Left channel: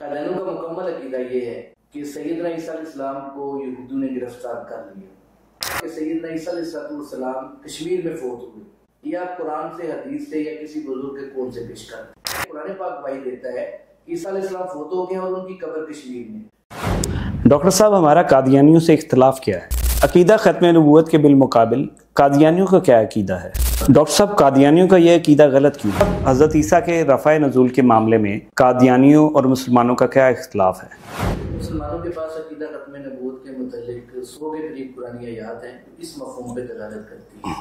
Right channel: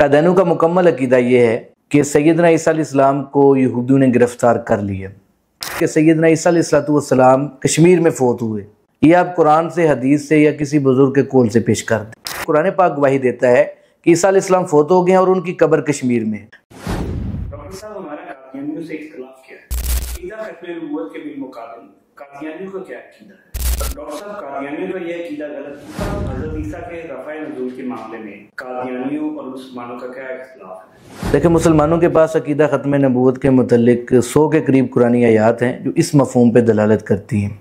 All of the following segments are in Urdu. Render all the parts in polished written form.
قادیانیوں کا مکمل عقیدہ یہ ہے کہ سیدنا عیسیٰ علیہ السلام کو یہودیوں نے گرفتار کر لیا کہ سیدنا عیسیٰ علیہ السلام کشمیر میں فوت ہوئے۔ یہ آپ قرآن سے، حدیث سے یا کسی بزرگ کے قول سے پیش کر دیں۔ قرآن پاک گواہی دیتا ہے کہ عیسیٰ علیہ السلام فوت ہو گئے ہیں اور ان کی قبر کشمیر میں ہے۔ ڈاکٹر صاحب، ہمارا قادیانیوں سے اختلاف کیا ہے؟ عقیدہ ختم نبوت کے بالمقابل قادیانیوں کا کیا عقیدہ ہے؟ ڈاکٹر صاحب، قادیانیوں کا یہ عقیدہ غلط کیوں ہے؟ حضرت عیسیٰ کے رفع نزول کے معاملے میں قادیانیوں اور مسلمانوں کا کیا اختلاف ہے؟ دیکھیں، مسلمانوں کے پاس عقیدہ ختم نبوت کے متعلق 100 کے قریب قرآنی آیات ہیں جو اس مفہوم پہ دلالت کرتی ہیں۔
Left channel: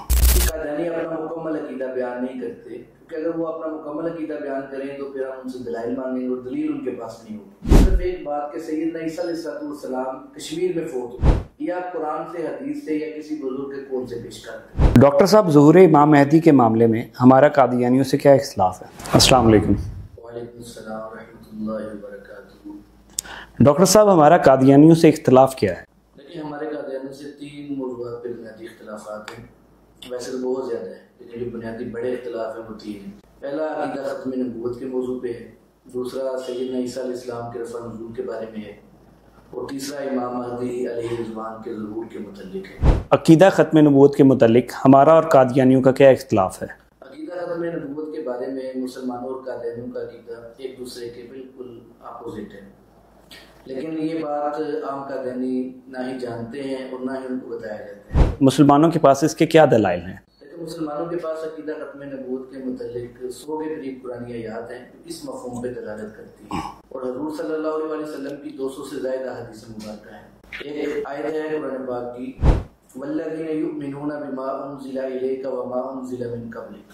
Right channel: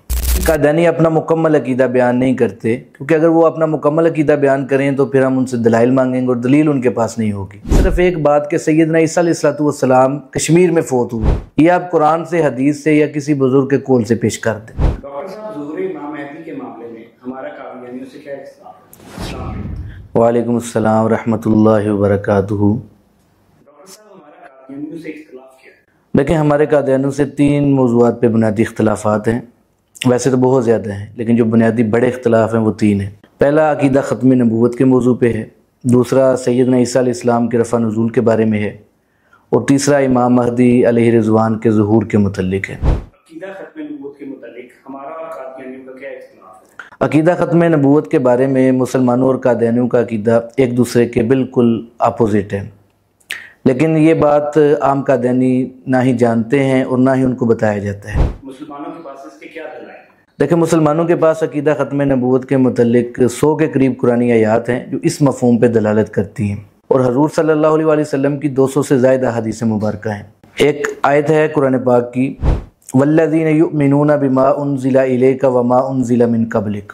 قادیانی اپنا مکمل عقیدہ بیان نہیں کرتے، کیونکہ اگر وہ اپنا مکمل عقیدہ بیان کریں تو پھر ہم ان سے دلائل مانگیں گے اور دلیل ان کے پاس نہیں ہوگی۔ صرف ایک بات کہ سیدنا عیسیٰ علیہ السلام کشمیر میں فوت ہوئے، یہ آپ قرآن سے، حدیث سے یا کسی بزرگ کے قول سے پیش کر دیں۔ ڈاکٹر صاحب، ظہور امام مہدی کے معاملے میں ہمارا قادیانیوں سے کیا اختلاف ہے؟ السلام علیکم۔ وعلیکم السلام ورحمۃ اللہ وبرکاتہ۔ ڈاکٹر صاحب، ہمارا قادیانیوں سے اختلاف کیا ہے؟ دیکھیں، ہمارے قادیانیوں سے 3 موضوعات پہ بنیادی اختلافات ہیں۔ ویسے تو بہت زیادہ ہیں، لیکن جو بنیادی بڑے اختلاف ہیں وہ 3 ہیں۔ پہلا عقیدہ ختم نبوت کے موضوع پہ ہے، دوسرا سیدنا عیسیٰ علیہ السلام کے رفع نزول کے بارے میں ہے، اور تیسرا امام مہدی علیہ رضوان کے ظہور کے متعلق ہے۔ عقیدہ ختم نبوت کے متعلق ہمارا اور قادیانیوں کا کیا اختلاف ہے؟ عقیدہ ختم نبوت کے بارے میں مسلمانوں اور قادیانیوں کا عقیدہ ایک دوسرے کے بالکل اپوزٹ ہے، لیکن یہ بات عام قادیانی نہ ہی جانتے ہیں اور نہ ہی ان کو بتایا جاتا ہے۔ مسلمانوں کے پاس اس کے کیا دلائل ہیں؟ دیکھیں، مسلمانوں کے پاس عقیدہ ختم نبوت کے متعلق 100 کے قریب قرآنی آیات ہیں جو اس مفہوم پہ دلالت کرتی ہیں، اور حضور صلی اللہ علیہ وسلم کی 200 سے زائد احادیث مبارکہ ہیں۔ ایک آیت ہے قرآن پاک کی، والذین یؤمنون بما انزل الیک وما انزل من قبلک۔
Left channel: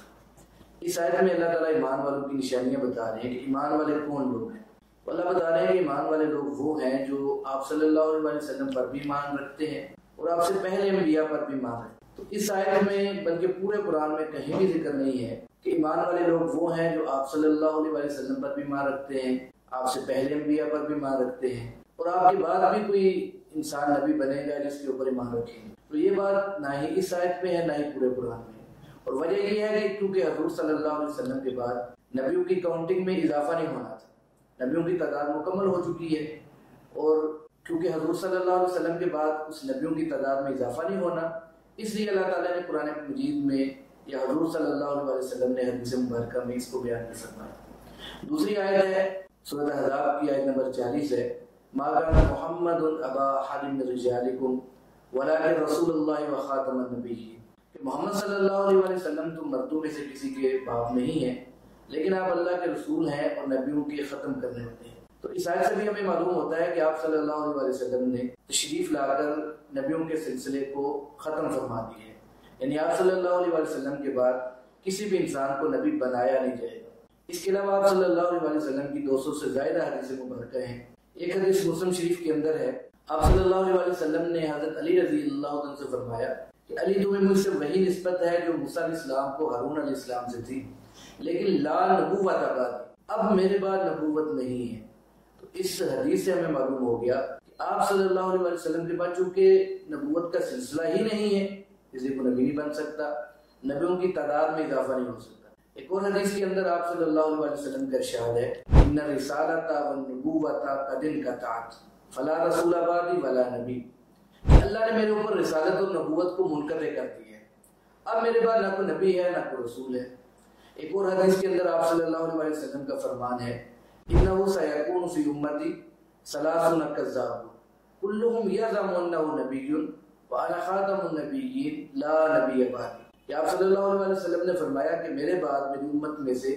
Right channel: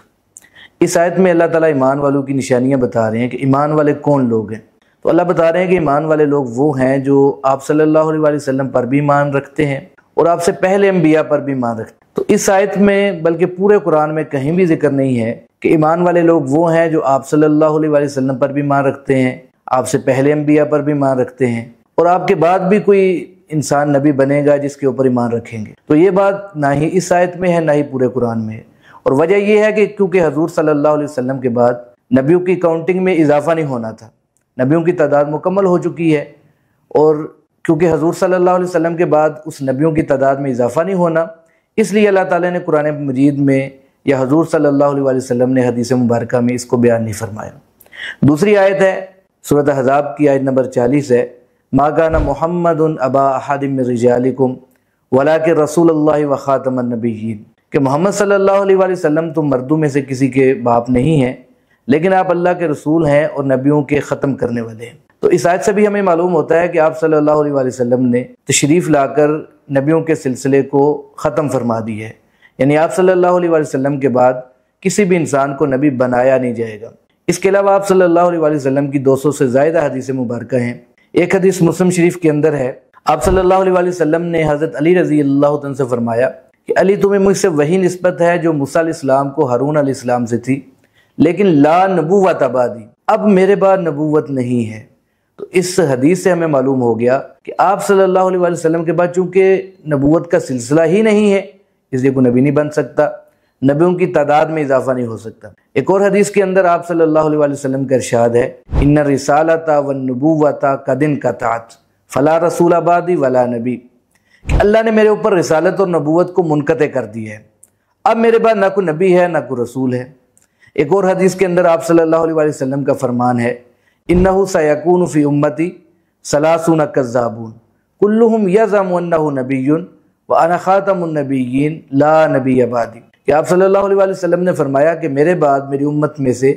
اس آیت میں اللہ تعالیٰ ایمان والوں کی نشانیاں بتا رہے ہیں کہ ایمان والے کون لوگ ہیں۔ تو اللہ بتا رہے ہیں کہ ایمان والے لوگ وہ ہیں جو آپ صلی اللہ علیہ وسلم پر بھی ایمان رکھتے ہیں اور آپ سے پہلے انبیاء پر بھی ایمان رکھتے ہیں۔ تو اس آیت میں، بلکہ پورے قرآن میں کہیں بھی ذکر نہیں ہے کہ ایمان والے لوگ وہ ہیں جو آپ صلی اللہ علیہ وسلم پر بھی ایمان رکھتے ہیں، آپ سے پہلے انبیاء پر بھی ایمان رکھتے ہیں، اور آپ کے بعد بھی کوئی انسان نبی بنے گا جس کے اوپر ایمان رکھیں گے۔ تو یہ بات نہ ہی اس آیت میں ہے نہ ہی پورے قرآن میں ہے، اور وجہ یہ ہے کہ کیونکہ حضور صلی اللہ علیہ وسلم کے بعد نبیوں کی کاؤنٹنگ میں اضافہ نہیں ہونا تھا، نبیوں کی تعداد مکمل ہو چکی ہے، اور کیونکہ حضور صلی اللہ علیہ وسلم کے بعد اس نبیوں کی تعداد میں اضافہ نہیں ہونا، اس لیے اللہ تعالیٰ نے قرآن مجید میں یا حضور صلی اللہ علیہ وسلم نے حدیث مبارکہ میں اس کو بیان نہیں فرمایا۔ دوسری آیت ہے سورۃ احزاب کی آیت نمبر 40 ہے، ما کان محمد ابا احد من رجالکم ولکن رسول اللہ وخاتم النبیین، کہ محمد صلی اللہ علیہ وسلم تم مردوں میں سے کسی کے باپ نہیں ہیں، لیکن آپ اللہ کے رسول ہیں اور نبیوں کے ختم کرنے والے ہیں۔ تو اس آیت سے بھی ہمیں معلوم ہوتا ہے کہ آپ صلی اللہ علیہ وسلم نے تشریف لا کر نبیوں کے سلسلے کو ختم فرما دی ہے، یعنی آپ صلی اللہ علیہ وسلم کے بعد کسی بھی انسان کو نبی بنایا نہیں جائے گا۔ اس کے علاوہ آپ صلی اللہ علیہ وسلم کی 200 سے زائد حدیث مبارکہ ہیں۔ ایک حدیث مسلم شریف کے اندر ہے، آپ صلی اللہ علیہ وسلم نے حضرت علی رضی اللہ عنہ سے فرمایا کہ علی، تمہیں مجھ سے وہی نسبت ہے جو موسیٰ علیہ السلام کو ہارون علیہ السلام سے تھی، لیکن لا نبوت بعدی، اب میرے بعد نبوت نہیں ہے۔ تو اس حدیث سے ہمیں معلوم ہو گیا کہ آپ صلی اللہ علیہ وسلم کے بعد چونکہ نبوت کا سلسلہ ہی نہیں ہے، اس لیے کوئی نبی نہیں بن سکتا، نبیوں کی تعداد میں اضافہ نہیں ہو سکتا۔ ایک اور حدیث کے اندر آپ صلی اللہ علیہ وسلم کا ارشاد ہے، ان الرسالۃ والنبوۃ قد انقطعت فلا رسول بعدی ولا نبی، کہ اللہ نے میرے اوپر رسالت اور نبوت کو منقطع کر دی ہے، اب میرے بعد نہ کوئی نبی ہے نہ کوئی رسول ہے۔ ایک اور حدیث کے اندر آپ صلی اللہ علیہ وسلم کا فرمان ہے، انہ سیکون فی امتی ثلاثون کذابون کلہم یزعم انہ نبی وانا خاتم النبیین لا نبی بعدی، کہ آپ صلی اللہ علیہ وسلم نے فرمایا کہ میرے بعد میری امت میں سے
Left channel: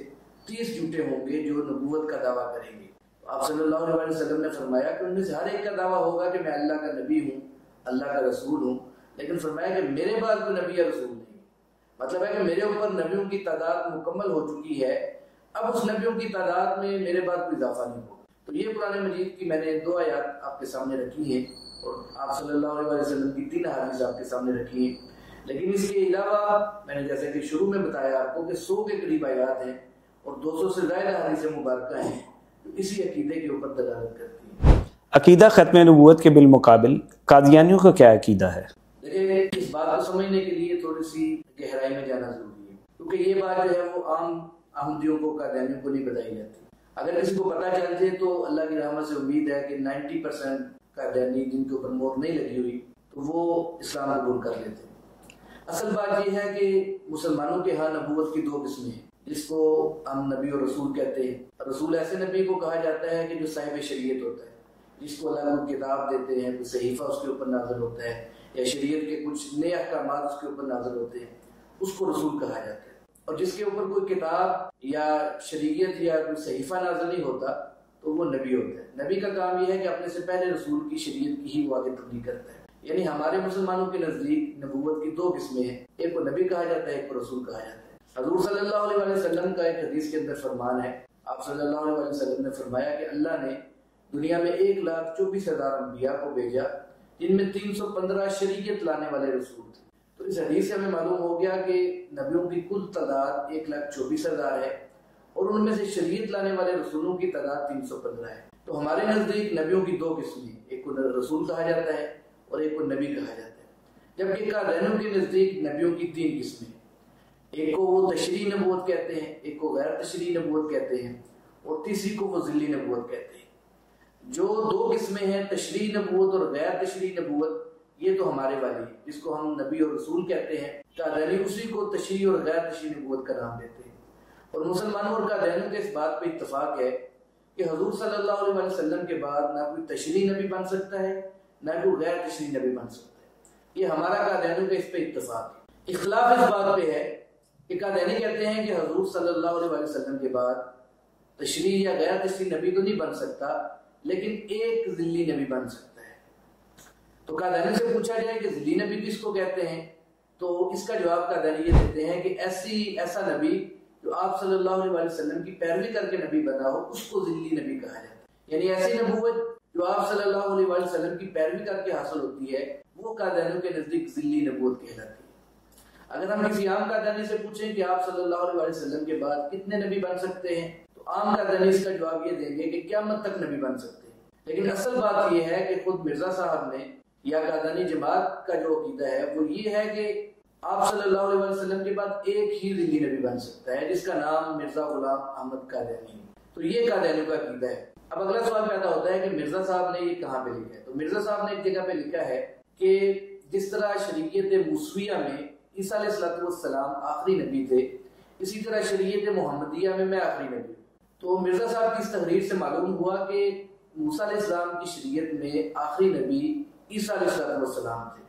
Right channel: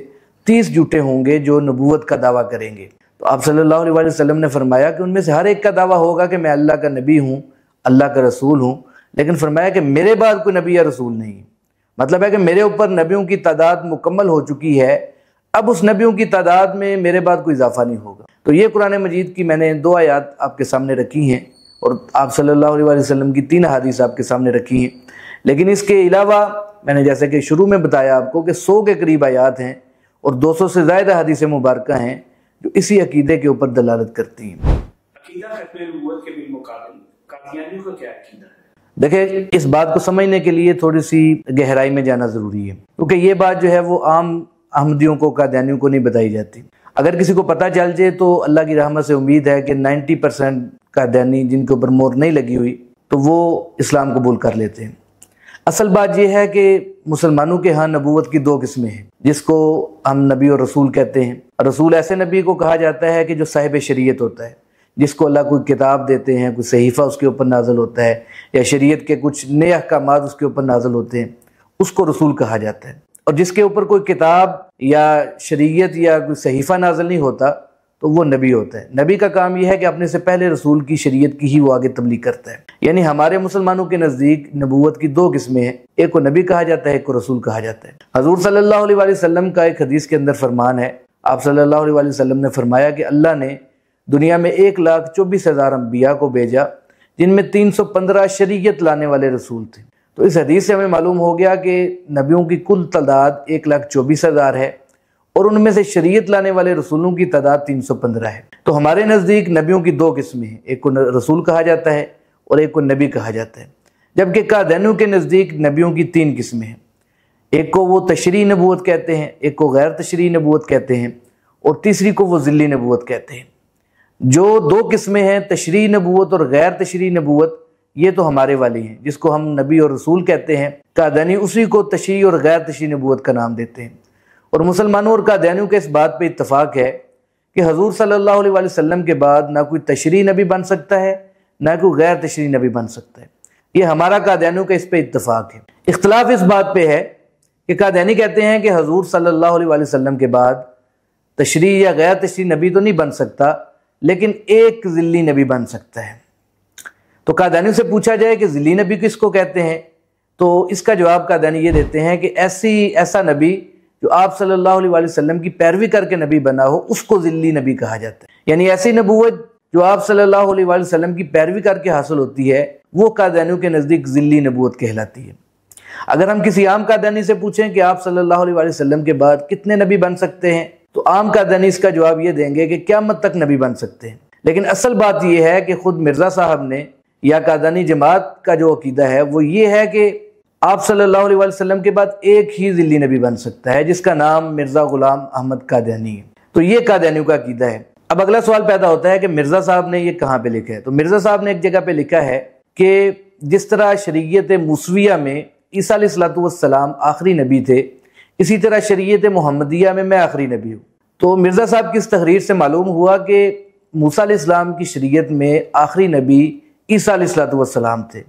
30 جھوٹے ہوں گے جو نبوت کا دعویٰ کریں گے۔ تو آپ صلی اللہ علیہ وسلم نے فرمایا کہ ان میں سے ہر ایک کا دعویٰ ہوگا کہ میں اللہ کا نبی ہوں، اللہ کا رسول ہوں، لیکن فرمایا کہ میرے بعد کوئی نبی یا رسول نہیں ہے۔ مطلب ہے کہ میرے اوپر نبیوں کی تعداد مکمل ہو چکی ہے، اب اس نبیوں کی تعداد میں میرے بعد کوئی اضافہ نہیں ہوگا۔ تو یہ قرآن مجید کی میں نے 2 آیات آپ کے سامنے رکھی ہیں، اور آپ صلی اللہ علیہ وسلم کی 3 حدیث آپ کے سامنے رکھی ہیں، لیکن اس کے علاوہ میں نے جیسے کہ شروع میں بتایا آپ کو کہ 100 کے قریب آیات ہیں اور 200 سے زائد حدیث مبارکہ ہیں جو اسی عقیدے کے اوپر دلالت کرتی ہیں۔ عقیدہ ختم نبوت کے بالمقابل قادیانیوں کا کیا عقیدہ ہے؟ دیکھیں، اس بات کو سمجھنے کے لیے تھوڑی سی گہرائی میں جانا ضروری ہے، کیونکہ یہ بات جو ہے وہ عام احمدیوں کو، قادیانیوں کو نہیں بتائی جاتی۔ اگر کسی کو پتہ چل جائے تو اللہ کی رحمت سے امید ہے کہ 90% قادیانی جن کے اوپر مہر نہیں لگی ہوئی تو وہ اسلام قبول کر لیتے ہیں۔ اصل بات یہ ہے کہ مسلمانوں کے ہاں نبوت کی 2 قسمیں ہیں، جس کو ہم نبی اور رسول کہتے ہیں۔ رسول ایسے نبی کو کہا جاتا ہے کہ جو صاحب شریعت ہوتا ہے، جس کو اللہ کوئی کتاب دیتے ہیں، کوئی صحیفہ اس کے اوپر نازل ہوتا ہے یا شریعت کے کچھ نئے احکامات اس کے اوپر نازل ہوتے ہیں، اس کو رسول کہا جاتا ہے۔ اور جس کے اوپر کوئی کتاب یا شریعت یا کوئی صحیفہ نازل نہیں ہوتا تو وہ نبی ہوتا ہے۔ نبی کا کام یہ ہے کہ اپنے سے پہلے رسول کی شریعت کی ہی وہ آگے تبلیغ کرتا ہے۔ یعنی ہمارے مسلمانوں کے نزدیک نبوت کی 2 قسمیں ہیں، ایک کو نبی کہا جاتا ہے، ایک کو رسول کہا جاتا ہے۔ حضور صلی اللہ علیہ وآلہ وسلم کا ایک حدیث کے اندر فرمان ہے، آپ صلی اللہ علیہ وآلہ وسلم نے فرمایا کہ اللہ نے دنیا میں 1,24,000 انبیاء کو بھیجا، جن میں 315 شریعت لانے والے رسول تھے۔ تو اس حدیث سے ہمیں معلوم ہو گیا کہ نبیوں کی کل تعداد 1,24,000 ہے اور ان میں سے شریعت لانے والے رسولوں کی تعداد 315 ہے۔ تو ہمارے نزدیک نبیوں کی 2 قسمیں ہیں، ایک کو رسول کہا جاتا ہے اور ایک کو نبی کہا جاتا ہے، جبکہ قادیانیوں کے نزدیک نبیوں کی 3 قسمیں ہیں، ایک کو وہ تشریعی نبوت کہتے ہیں، ایک کو غیر تشریعی نبوت کہتے ہیں اور تیسری کو وہ ذلی نبوت کہتے ہیں۔ جو 2 قسمیں ہیں، تشریعی نبوت اور غیر تشریعی نبوت، یہ تو ہمارے والی ہیں، جس کو ہم نبی اور رسول کہتے ہیں۔ قادیانی اسی کو تشریعی اور غیر تشریعی نبوت کا نام دیتے ہیں۔ اور مسلمانوں اور قادیانیوں کے اس بات پہ اتفاق ہے کہ حضور صلی اللہ علیہ وآلہ وسلم کے بعد نہ کوئی تشریعی نبی بن سکتا ہے، نہ کوئی غیر تشریعی نبی بن سکتا ہے۔ یہ ہمارا قادیانیوں کا اس پہ اتفاق ہے۔ اختلاف اس بات پہ ہے کہ قادیانی کہتے ہیں کہ حضور صلی اللہ علیہ وآلہ وسلم کے بعد تشریعی یا غیر تشریعی نبی تو نہیں بن سکتا، لیکن ایک ذلی نبی بن سکتا ہے۔ تو قادیانیوں سے پوچھا جائے کہ ذلی نبی کس کو کہتے ہیں، تو اس کا جواب قادیانی یہ دیتے ہیں کہ ایسا نبی جو آپ صلی اللہ علیہ وآلہ وسلم کی پیروی کر کے نبی بنا ہو، اس کو ذلی نبی کہا جاتا ہے۔ یعنی ایسی نبوت جو آپ صلی اللہ علیہ وآلہ وسلم کی پیروی کر کے حاصل ہوتی ہے، وہ قادیانیوں کے نزدیک ذلی نبوت کہلاتی ہے۔ اگر ہم کسی عام قادیانی سے پوچھیں کہ آپ صلی اللہ علیہ وآلہ وسلم کے بعد کتنے نبی بن سکتے ہیں، تو عام قادیانی اس کا جواب یہ دیں گے کہ قیامت تک نبی بن سکتے ہیں۔ لیکن اصل بات یہ ہے کہ خود مرزا صاحب نے یا قادیانی جماعت کا جو عقیدہ ہے وہ یہ ہے کہ آپ صلی اللہ علیہ وآلہ وسلم کے بعد ایک ہی ذلی نبی بن سکتا ہے، جس کا نام مرزا غلام احمد قادیانی ہے۔ تو یہ قادیانیوں کا عقیدہ ہے۔ اب اگلا سوال پیدا ہوتا ہے کہ مرزا صاحب نے یہ کہاں پہ لکھا ہے؟ تو مرزا صاحب نے ایک جگہ پہ لکھا ہے کہ جس طرح شریعت موسویہ میں عیسیٰ علیہ السلام آخری نبی تھے، اسی طرح شریعت محمدیہ میں میں آخری نبی ہوں۔ تو مرزا صاحب کی اس تحریر سے معلوم ہوا کہ موسیٰ علیہ السلام کی شریعت میں آخری نبی عیسیٰ علیہ السلام تھے،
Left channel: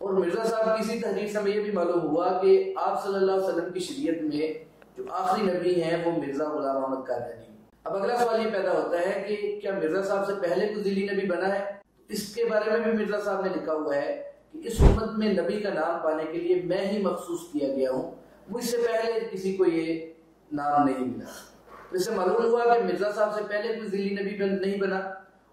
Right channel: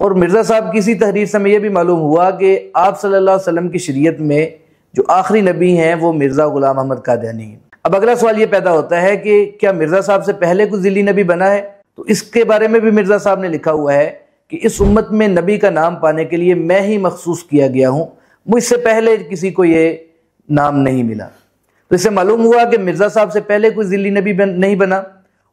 اور مرزا صاحب کی اسی تحریر سے ہمیں یہ بھی معلوم ہوا کہ آپ صلی اللہ علیہ وسلم کی شریعت میں جو آخری نبی ہیں وہ مرزا غلام احمد قادیانی ہیں۔ اب اگلا سوال یہ پیدا ہوتا ہے کہ کیا مرزا صاحب سے پہلے کوئی ذلی نبی بنا ہے؟ تو اس کے بارے میں بھی مرزا صاحب نے لکھا ہوا ہے کہ اس امت میں نبی کا نام پانے کے لیے میں ہی مخصوص کیا گیا ہوں، مجھ سے پہلے کسی کو یہ نام نہیں ملا۔ تو اس سے معلوم ہوا کہ مرزا صاحب سے پہلے کوئی ذلی نبی نہیں بنا،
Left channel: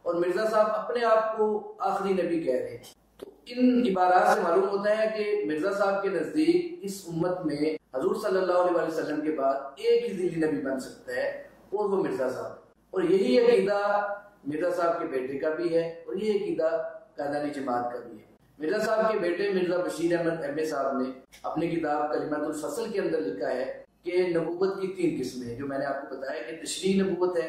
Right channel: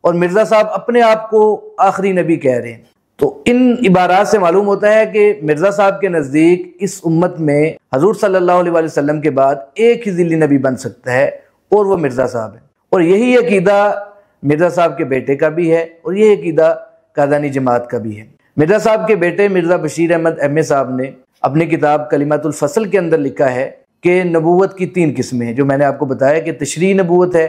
اور مرزا صاحب اپنے آپ کو آخری نبی کہہ رہے ہیں۔ تو ان عبارات سے معلوم ہوتا ہے کہ مرزا صاحب کے نزدیک اس امت میں حضور صلی اللہ علیہ وآلہ وسلم کے بعد ایک ہی ذلی نبی بن سکتا ہے، اور وہ مرزا صاحب ہے۔ اور یہی عقیدہ مرزا صاحب کے بیٹے کا بھی ہے، اور یہ عقیدہ قادیانی جماعت کا بھی ہے۔ مرزا صاحب کے بیٹے مرزا بشیر احمد ایم اے صاحب نے اپنی کتاب کلمات الفصل کے اندر لکھا ہے کہ نبوت کی 3 قسمیں ہیں، جو میں نے آپ کو بتایا کہ تشریعی نبوت ہے،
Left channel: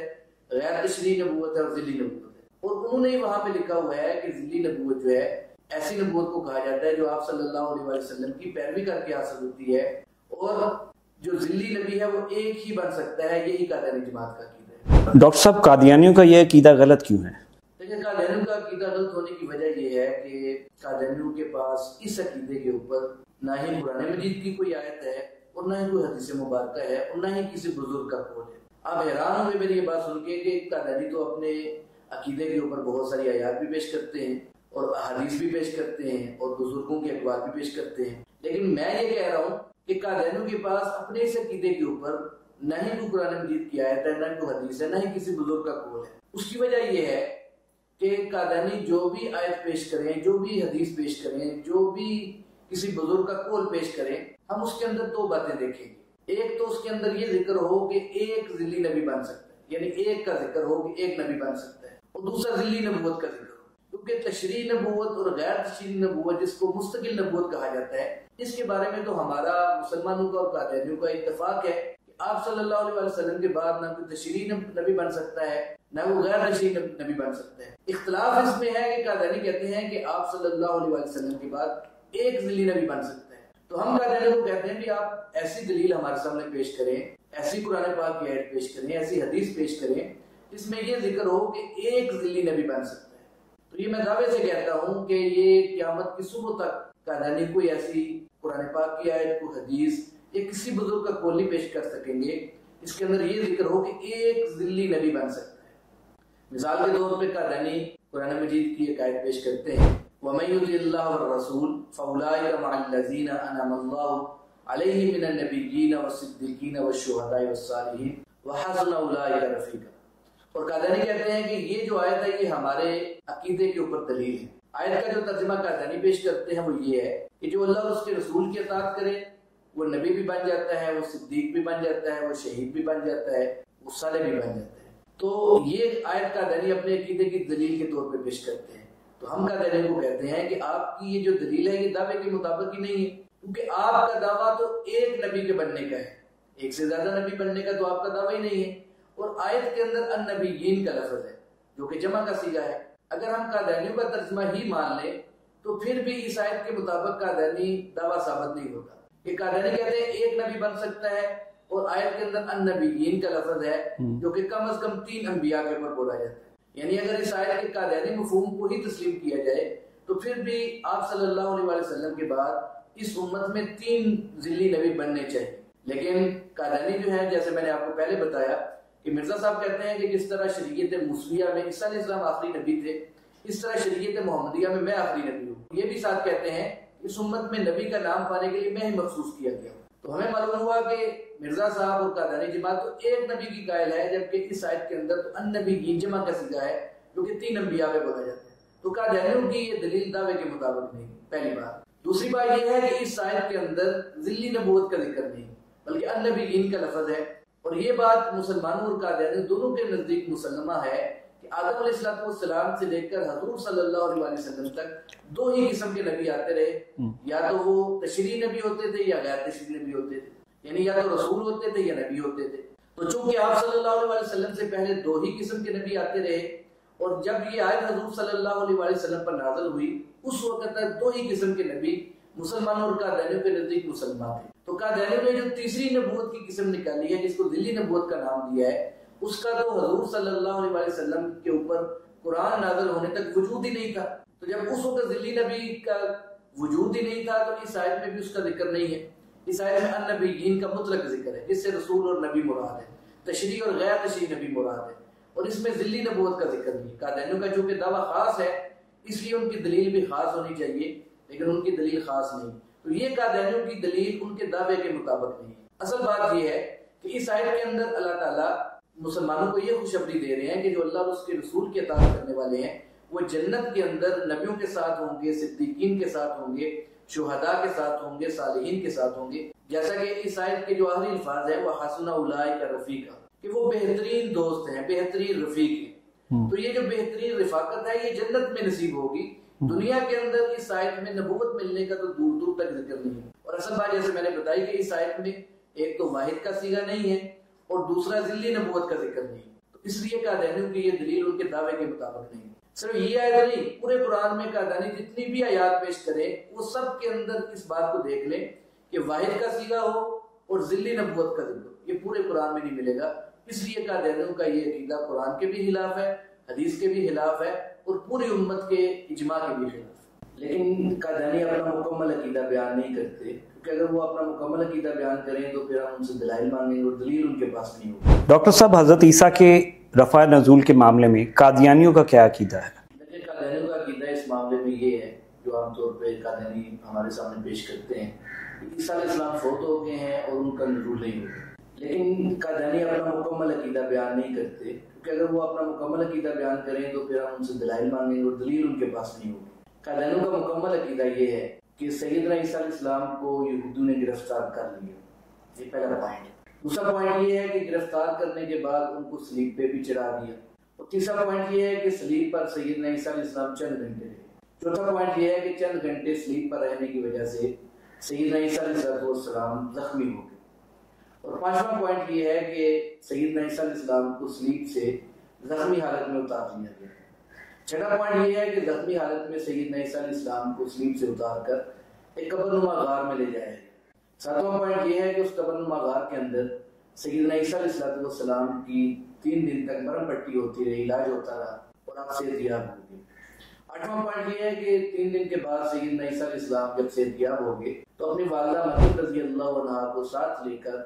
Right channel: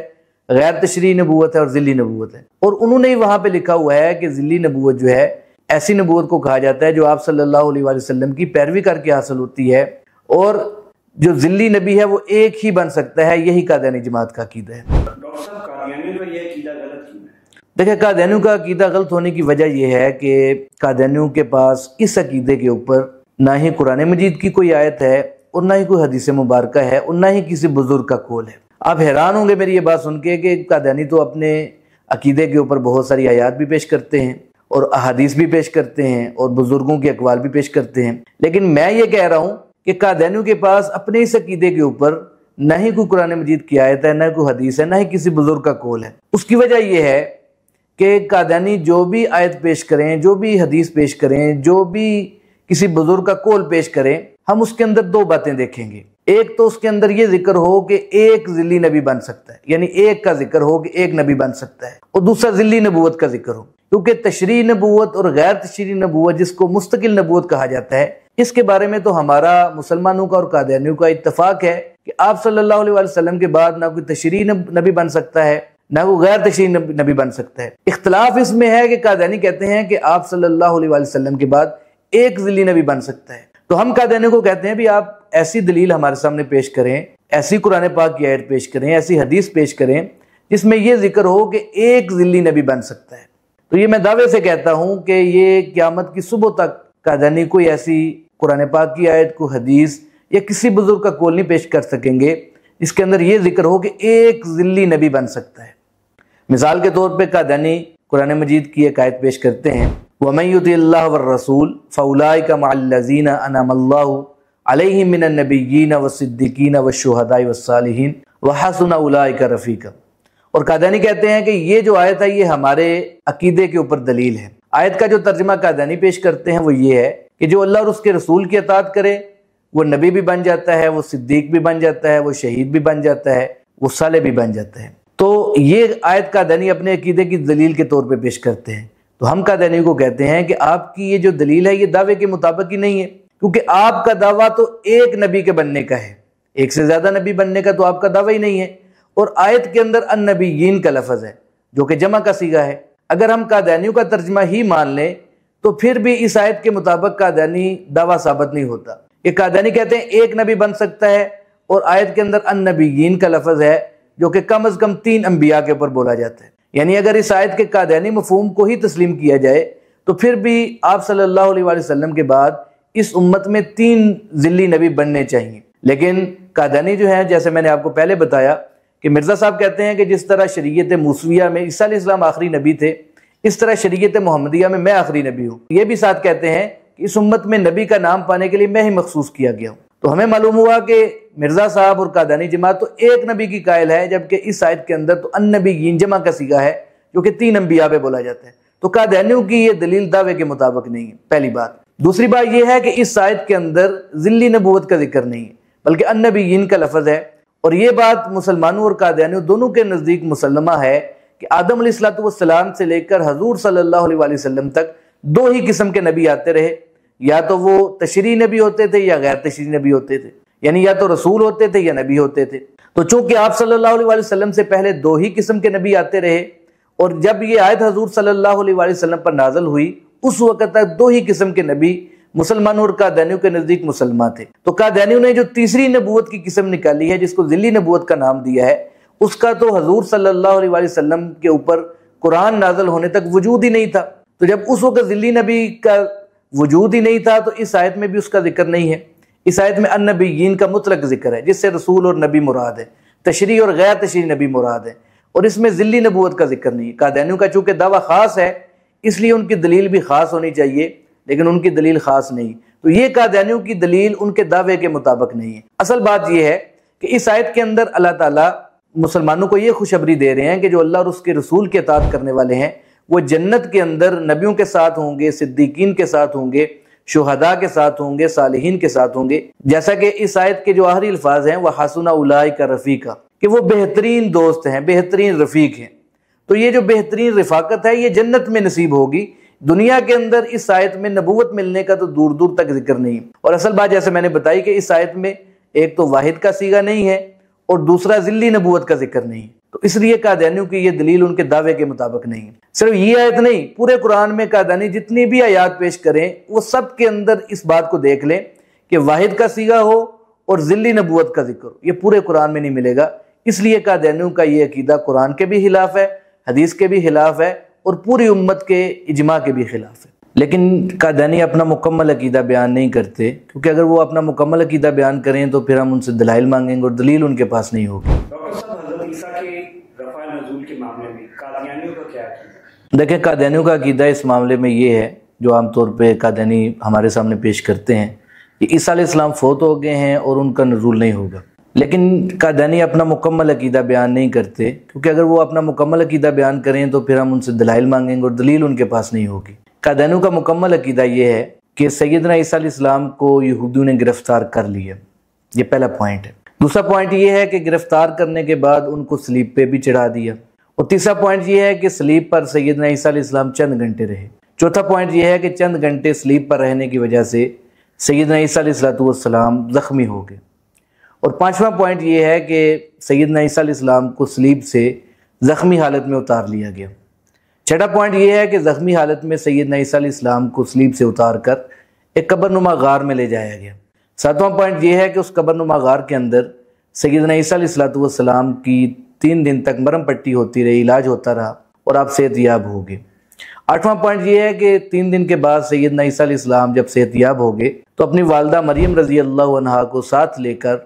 غیر تشریعی نبوت ہے اور ذلی نبوت ہے۔ اور انہوں نے وہاں پہ لکھا ہوا ہے کہ ذلی نبوت جو ہے ایسی نبوت کو کہا جاتا ہے جو آپ صلی اللہ علیہ وآلہ وسلم کی پیروی کر کے حاصل ہوتی ہے، اور جو ذلی نبی ہے وہ ایک ہی بن سکتا ہے۔ یہی قادیانی جماعت کا عقیدہ ہے۔ ڈاکٹر صاحب، قادیانیوں کا یہ عقیدہ غلط کیوں ہے؟ دیکھیں، قادیانیوں کا عقیدہ غلط ہونے کی وجہ یہ ہے کہ قادیانیوں کے پاس اس عقیدے کے اوپر نہ ہی قرآن مجید کی کوئی آیت ہے، اور نہ ہی کوئی حدیث مبارکہ ہے، اور نہ ہی کسی بزرگ کا قول ہے۔ آپ حیران ہوں گے میری یہ بات سن کے کہ قادیانی تو اپنے عقیدے کے اوپر بہت ساری آیات بھی پیش کرتے ہیں اور احادیث بھی پیش کرتے ہیں اور بزرگوں کے اقوال بھی پیش کرتے ہیں، لیکن میں یہ کہہ رہا ہوں کہ قادیانیوں کے پاس اپنے اس عقیدے کے اوپر نہ ہی کوئی قرآن مجید کی آیت ہے، نہ کوئی حدیث ہے، نہ ہی کسی بزرگ کا قول ہے۔ اس کی وجہ یہ ہے کہ قادیانی جو بھی آیت پیش کریں، جو بھی حدیث پیش کریں، جو بھی کسی بزرگ کا قول پیش کریں، ہم اس کے اندر 2 باتیں دیکھیں گے۔ ایک تو اس کے اندر یہ ذکر ہو کہ ایک ذلی نبی بن سکتا ہے، یعنی ایک کا ذکر ہو کہ ایک نبی بن سکتا ہے، اور دوسرا ذلی نبوت کا ذکر ہو، کیونکہ تشریعی نبوت اور غیر تشریعی نبوت، جس کو مستقل نبوت کہا جاتا ہے، اس کے بارے میں تو ہمارا مسلمانوں کا اور قادیانیوں کا اتفاق ہے کہ آپ صلی اللہ علیہ وسلم کے بعد نہ کوئی تشریعی نبی بن سکتا ہے نہ کوئی غیر تشریعی نبی بن سکتا ہے۔ اختلاف اس میں ہے کہ قادیانی کہتے ہیں کہ آپ صلی اللہ علیہ وسلم کے بعد ایک ذلی نبی بن سکتا ہے، تو ہم قادیانیوں کو کہتے ہیں بھی آپ ایسی دلیل ہمارے سامنے پیش کریں، ایسی قرآن پاک کی آیت پیش کریں، ایسی حدیث پیش کریں جس میں یہ ذکر ہو کہ ایک ذلی نبی بن سکتا ہے۔ تو یہ میں دعوے سے کہتا ہوں کہ یہ قیامت کی صبح تک قادیانی کوئی ایسی قرآن پاک کی آیت کو حدیث یا کسی بزرگ کا قول نہیں پیش کر سکیں گے جس کے اندر یہ ذکر ہو کہ ایک ذلی نبی بن سکتا ہے۔ مثال کے طور پہ قادیانی قرآن مجید کی ایک آیت پیش کرتے ہیں وَمَن يُطِعِ اللَّهَ وَالرَّسُولَ فَأُولَٰئِكَ مَعَ الَّذِينَ أَنْعَمَ اللَّهُ عَلَيْهِم مِّنَ النَّبِيِّينَ وَالصِّدِّيقِينَ وَالشُّهَدَاءِ وَالصَّالِحِينَ وَحَسُنَ أُولَٰئِكَ رَفِيقًا۔ اور قادیانی کہتے ہیں کہ یہ جو آیت ہے یہ ہمارے عقیدے کے اوپر دلیل ہے۔ آیت کا جو ترجمہ قادیانی پیش کرتے ہیں وہ یہ ہے کہ جو اللہ اور اس کے رسول کی اطاعت کرے وہ نبی بھی بن جاتا ہے، وہ صدیق بھی بن جاتا ہے، وہ شہید بھی بن جاتا ہے، وہ صالح بھی بن جاتا ہے۔ تو یہ آیت قادیانی اپنے عقیدے کی دلیل کے طور پہ پیش کرتے ہیں۔ تو ہم قادیانی کو کہتے ہیں کہ آپ کی یہ جو دلیل ہے یہ دعوے کے مطابق ہی نہیں ہے، کیونکہ آپ کا دعویٰ تو ایک نبی کے بننے کا ہے، ایک سے زیادہ نبی بننے کا تو آپ کا دعویٰ ہی نہیں ہے۔ اور آیت کے اندر النبیین کا لفظ ہے جو کہ جمع کا صیغہ ہے۔ اگر ہم قادیانیوں کا ترجمہ ہی مان لیں تو پھر بھی اس آیت کے مطابق قادیانی دعویٰ ثابت نہیں ہوتا۔ یہ قادیانی کہتے ہیں ایک نبی بن سکتا ہے، اور آیت کے اندر النبیین کا لفظ ہے جو کہ کم از کم 3 انبیاء کے اوپر بولا جاتا ہے۔ یعنی اگر اس آیت کے قادیانی مفہوم کو ہی تسلیم کیا جائے تو پھر بھی آپ صلی اللہ علیہ وسلم کے بعد اس امت میں 3 ذلی نبی بننے چاہیے۔ لیکن قادیانی جو ہے، جیسے میں نے آپ کو پہلے بتایا کہ مرزا صاحب کہتے ہیں کہ جس طرح شریعت موسویہ میں عیسیٰ علیہ السلام آخری نبی تھے اس طرح شریعت محمدیہ میں آخری نبی ہوں۔ یہ بھی ساتھ کہتے ہیں کہ اس امت میں نبی کا نام پانے کے لیے میں ہی مخصوص کیا گیا ہوں۔ تو ہمیں معلوم ہوا کہ مرزا صاحب اور قادیانی جماعت تو ایک نبی کی قائل ہے، جبکہ اس آیت کے اندر تو النبیین جمع کا صیغہ ہے جو کہ 3 انبیاء پہ بولا جاتا ہے۔ تو قادیانیوں کی یہ دلیل دعوے کے مطابق نہیں ہے، پہلی بات۔ دوسری بات یہ ہے کہ اس آیت کے اندر ذلی نبوت کا ذکر نہیں ہے بلکہ النبیین کا لفظ ہے، اور یہ بات مسلمانوں اور قادیانیوں دونوں کے نزدیک مسلمہ ہے کہ آدم علیہ السلام سے لے کر حضور صلی اللہ علیہ وسلم تک 2 ہی قسم کے نبی آتے رہے، یا تو وہ تشریعی نبی ہوتے تھے یا غیر تشریعی نبی ہوتے تھے، یعنی یا تو رسول ہوتے تھے یا نبی ہوتے تھے۔ تو چونکہ آپ صلی اللہ علیہ وسلم سے پہلے 2 ہی قسم کے نبی آتے رہے، اور جب یہ آیت حضور صلی اللہ علیہ وسلم پر نازل ہوئی اس وقت تک 2 ہی قسم کے نبی مسلمانوں اور قادیانیوں کے نزدیک مسلمہ تھے۔ تو قادیانیوں نے جو تیسری نبوت کی قسم نکالی ہے جس کو ذلی نبوت کا نام دیا ہے، اس کا تو حضور صلی اللہ علیہ وسلم کے اوپر قرآن نازل ہونے تک وجود ہی نہیں تھا۔ تو جب اس وقت ذلی نبی کا وجود ہی نہیں تھا تو اس آیت میں بھی اس کا ذکر نہیں ہے۔ اس آیت میں النبیین کا مطلق ذکر ہے جس سے رسول اور نبی مراد ہے، تشریعی اور غیر تشریعی نبی مراد ہے، اور اس میں ذلی نبوت کا ذکر نہیں ہے۔ قادیانیوں کا چونکہ دعویٰ خاص ہے اس لیے ان کی دلیل بھی خاص ہونی چاہیے، لیکن ان کی دلیل خاص نہیں، تو یہ قادیانیوں کی دلیل ان کے دعوے کے مطابق نہیں ہے۔ اصل بات یہ ہے کہ اس آیت کے اندر اللہ تعالیٰ مسلمانوں کو یہ خوشخبری دے رہے ہیں کہ جو اللہ اور اس کے رسول کے اطاعت کرنے والے ہیں وہ جنت کے اندر نبیوں کے ساتھ ہوں گے، صدیقین کے ساتھ ہوں گے، شہداء کے ساتھ ہوں گے، صالحین کے ساتھ ہوں گے۔ جیسا کہ اس آیت کے جو آخری الفاظ ہیں وَحَسُنَ أُولَٰئِكَ رَفِيقًا، کہ وہ بہترین دوست ہیں، بہترین رفیق ہیں۔ تو یہ جو بہترین رفاقت ہے یہ جنت میں نصیب ہوگی، دنیا کے اندر اس آیت میں نبوت ملنے کا تو دور دور تک ذکر نہیں۔ اور اصل بات جیسے میں نے بتائی کہ اس آیت میں ایک تو واحد کا صیغہ نہیں ہے اور دوسرا ذلی نبوت کا ذکر نہیں، تو اس لیے قادیانیوں کی یہ دلیل ان کے دعوے کے مطابق نہیں ہے۔ صرف یہ آیت نہیں، پورے قرآن میں قادیانی جتنی بھی آیات پیش کریں وہ سب کے اندر اس بات کو دیکھ لیں کہ واحد کا صیغہ ہو اور ذلی نبوت کا ذکر ہو، یہ پورے قرآن میں نہیں ملے گا۔ اس لیے قادیانیوں کا یہ عقیدہ قرآن کے بھی خلاف ہے، حدیث کے بھی خلاف ہے، اور پوری امت کے اجماع کے بھی خلاف ہے۔ لیکن قادیانی اپنا مکمل عقیدہ بیان نہیں کرتے، کیونکہ اگر وہ اپنا مکمل عقیدہ بیان کریں تو پھر ہم ان سے دلائل مانگیں گے اور دلیل ان کے پاس نہیں ہوگی۔ ڈاکٹر صاحب، حضرت عیسیٰ کے رفع نزول کے معاملے میں قادیانیوں کا کیا عقیدہ ہے؟ دیکھیں، قادیانیوں کا عقیدہ اس معاملے میں یہ ہے جو عام طور پہ قادیانی ہمارے سامنے پیش کرتے ہیں کہ عیسیٰ علیہ السلام فوت ہو گئے ہیں اور ان کا نزول نہیں ہوگا۔ لیکن قادیانی اپنا مکمل عقیدہ بیان نہیں کرتے، کیونکہ اگر وہ اپنا مکمل عقیدہ بیان کریں تو پھر ہم ان سے دلائل مانگیں گے اور دلیل ان کے پاس نہیں ہوگی۔ قادیانیوں کا مکمل عقیدہ یہ ہے کہ سیدنا عیسیٰ علیہ السلام کو یہودیوں نے گرفتار کر لیا، یہ پہلا پوائنٹ ہے۔ دوسرا پوائنٹ یہ ہے کہ گرفتار کرنے کے بعد ان کو صلیب پہ بھی چڑھا دیا، اور تیسرا پوائنٹ یہ ہے کہ صلیب پر سیدنا عیسیٰ علیہ السلام چند گھنٹے رہے۔ چوتھا پوائنٹ یہ ہے کہ چند گھنٹے صلیب پر رہنے کی وجہ سے سیدنا عیسیٰ علیہ السلام زخمی ہو گئے۔ اور پانچواں پوائنٹ یہ ہے کہ سیدنا عیسیٰ علیہ السلام کو صلیب سے زخمی حالت میں اتار لیا گیا۔ چھٹا پوائنٹ یہ ہے کہ زخمی حالت میں سیدنا عیسیٰ علیہ السلام کو صلیب سے اتار کر ایک قبر نما غار میں لے جایا گیا۔ ساتواں پوائنٹ یہ ہے کہ اس قبر نما غار کے اندر سیدنا عیسیٰ علیہ السلام کی 3 دن تک مرہم پٹی ہوتی رہی، علاج ہوتا رہا اور آپ صحت یاب ہو گئے۔ 8واں پوائنٹ یہ ہے کہ 3 دن کے بعد سیدنا عیسیٰ علیہ السلام جب صحت یاب ہو گئے تو اپنی والدہ مریم رضی اللہ عنہا کو ساتھ لے کر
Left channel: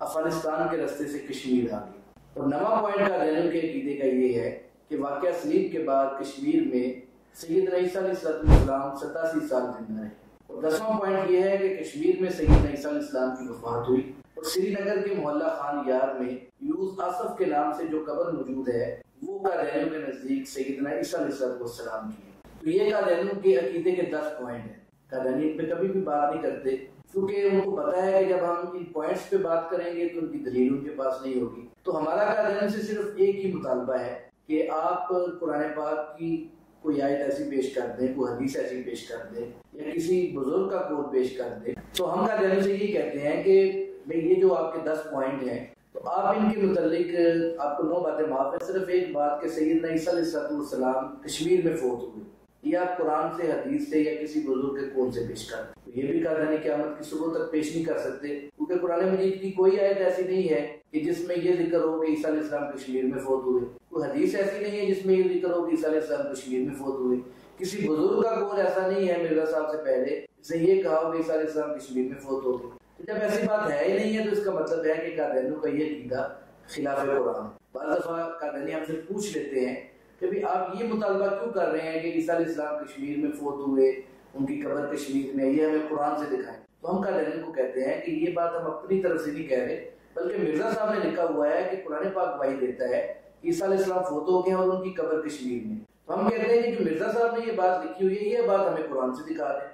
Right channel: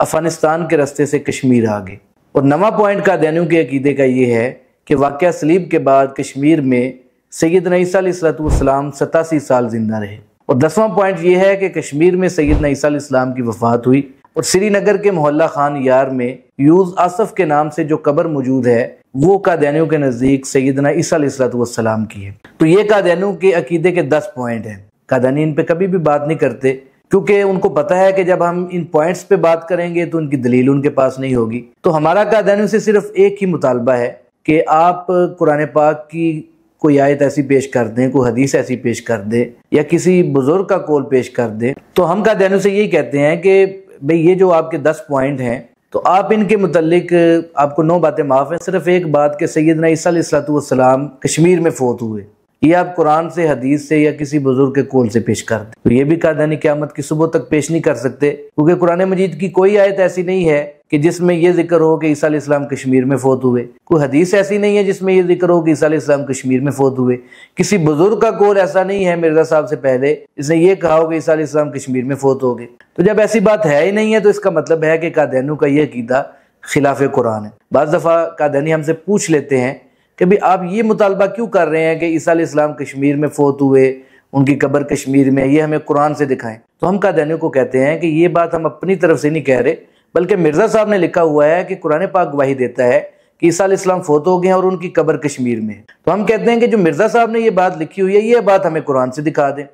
افغانستان کے راستے سے کشمیر آ گئے۔ اور 9واں پوائنٹ قادیانیوں کے عقیدے کا یہ ہے کہ واقعہ صلیب کے بعد کشمیر میں سیدنا عیسیٰ علیہ السلام 87 سال زندہ رہے۔ اور 10واں پوائنٹ یہ ہے کہ کشمیر میں سیدنا عیسیٰ علیہ السلام کی وفات ہوئی اور سری نگر کے محلہ خان یار میں یوز آصف کے نام سے جو قبر موجود ہے وہ قادیانیوں کے نزدیک سیدنا عیسیٰ علیہ السلام کی ہے۔ تو یہ قادیانیوں کے عقیدے کے 10 پوائنٹ ہیں۔ قادیانی ان پہ کبھی بھی بات نہیں کرتے کیونکہ ان کو پتہ ہے کہ جب ہم ان پوائنٹس پہ بات کریں گے تو ان کی دلیل ان کے پاس نہیں ہوگی۔ تو ہمارا قادیانیوں سے صرف ایک ہی مطالبہ ہے کہ آپ قرآن پاک کی کوئی آیت ایسی پیش کر دیں، کوئی حدیث ایسی پیش کر دیں یا کسی بزرگ کا قول پیش کر دیں۔ تو ہم قادیانیوں سے یہی کہتے ہیں کہ بھئی یہ جو آپ کے 10 پوائنٹ ہیں تو آپ ان کے متعلق آپ کو 9 باتیں معاف ہیں، صرف ایک بات کہ سیدنا عیسیٰ علیہ السلام کشمیر میں فوت ہوئے، یہ آپ قرآن سے، حدیث سے یا کسی بزرگ کے قول سے پیش کر دیں۔ تو یہ بھی قادیانی قیامت کی صبح تک پیش نہیں کر سکتے کیونکہ قرآن مجید کی کوئی آیت ایسی نہیں ہے کہ جس میں یہ ذکر ہو کہ عیسیٰ علیہ السلام کشمیر میں فوت ہوئے، کوئی حدیث ایسی نہیں ہے جس میں یہ ذکر ہو کہ عیسیٰ علیہ السلام کشمیر میں فوت ہوئے، کسی بزرگ کا قول ایسا نہیں ہے مرزا صاحب سے پہلے اس نے یہ کہا ہو کہ عیسیٰ علیہ السلام کشمیر میں فوت ہو گئے۔ تو جب ایسی بات ہے ہی نہیں ہے تو اس کا مطلب ہے کہ قادیانیوں کا یہ عقیدہ خلاف قرآن ہے۔ بعض دفعہ قادیانی ہم سے پوچھ لیتے ہیں کہ بھی آپ یہ مطالبہ کیوں کر رہے ہیں کہ عیسیٰ علیہ السلام کشمیر میں فوت ہوئے، ان کی قبر کشمیر میں، یہ ہمیں قرآن سے دکھائیں۔ تو ہم قادیانیوں کو کہتے ہیں کہ یہ بات ہم اپنی طرف سے نہیں کہہ رہے بلکہ مرزا صاحب نے لکھا ہوا ہے کہ قرآن پاک گواہی دیتا ہے کہ عیسیٰ علیہ السلام فوت ہو گئے ہیں اور ان کی قبر کشمیر میں ہے۔ تو ہم کہتے ہیں کہ جو مرزا صاحب نے یہ بات لکھی ہوئی ہے یہ بات ہمیں قرآن سے دکھا دیں،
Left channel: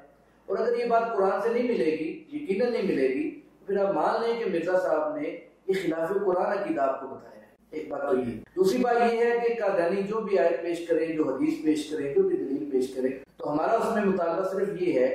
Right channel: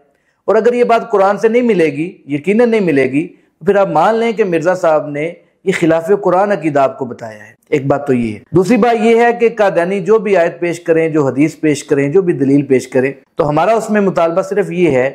اور اگر یہ بات قرآن سے نہیں ملے گی، یقیناً نہیں ملے گی، تو پھر آپ مان لیں کہ مرزا صاحب نے یہ خلاف قرآن عقیدہ آپ کو بتایا ہے۔ ایک بات تو یہ ہے۔ دوسری بات یہ ہے کہ قادیانی جو بھی آیت پیش کریں، جو حدیث پیش کریں، جو بھی دلیل پیش کریں، تو ہمارا اس میں مطالبہ صرف یہ ہے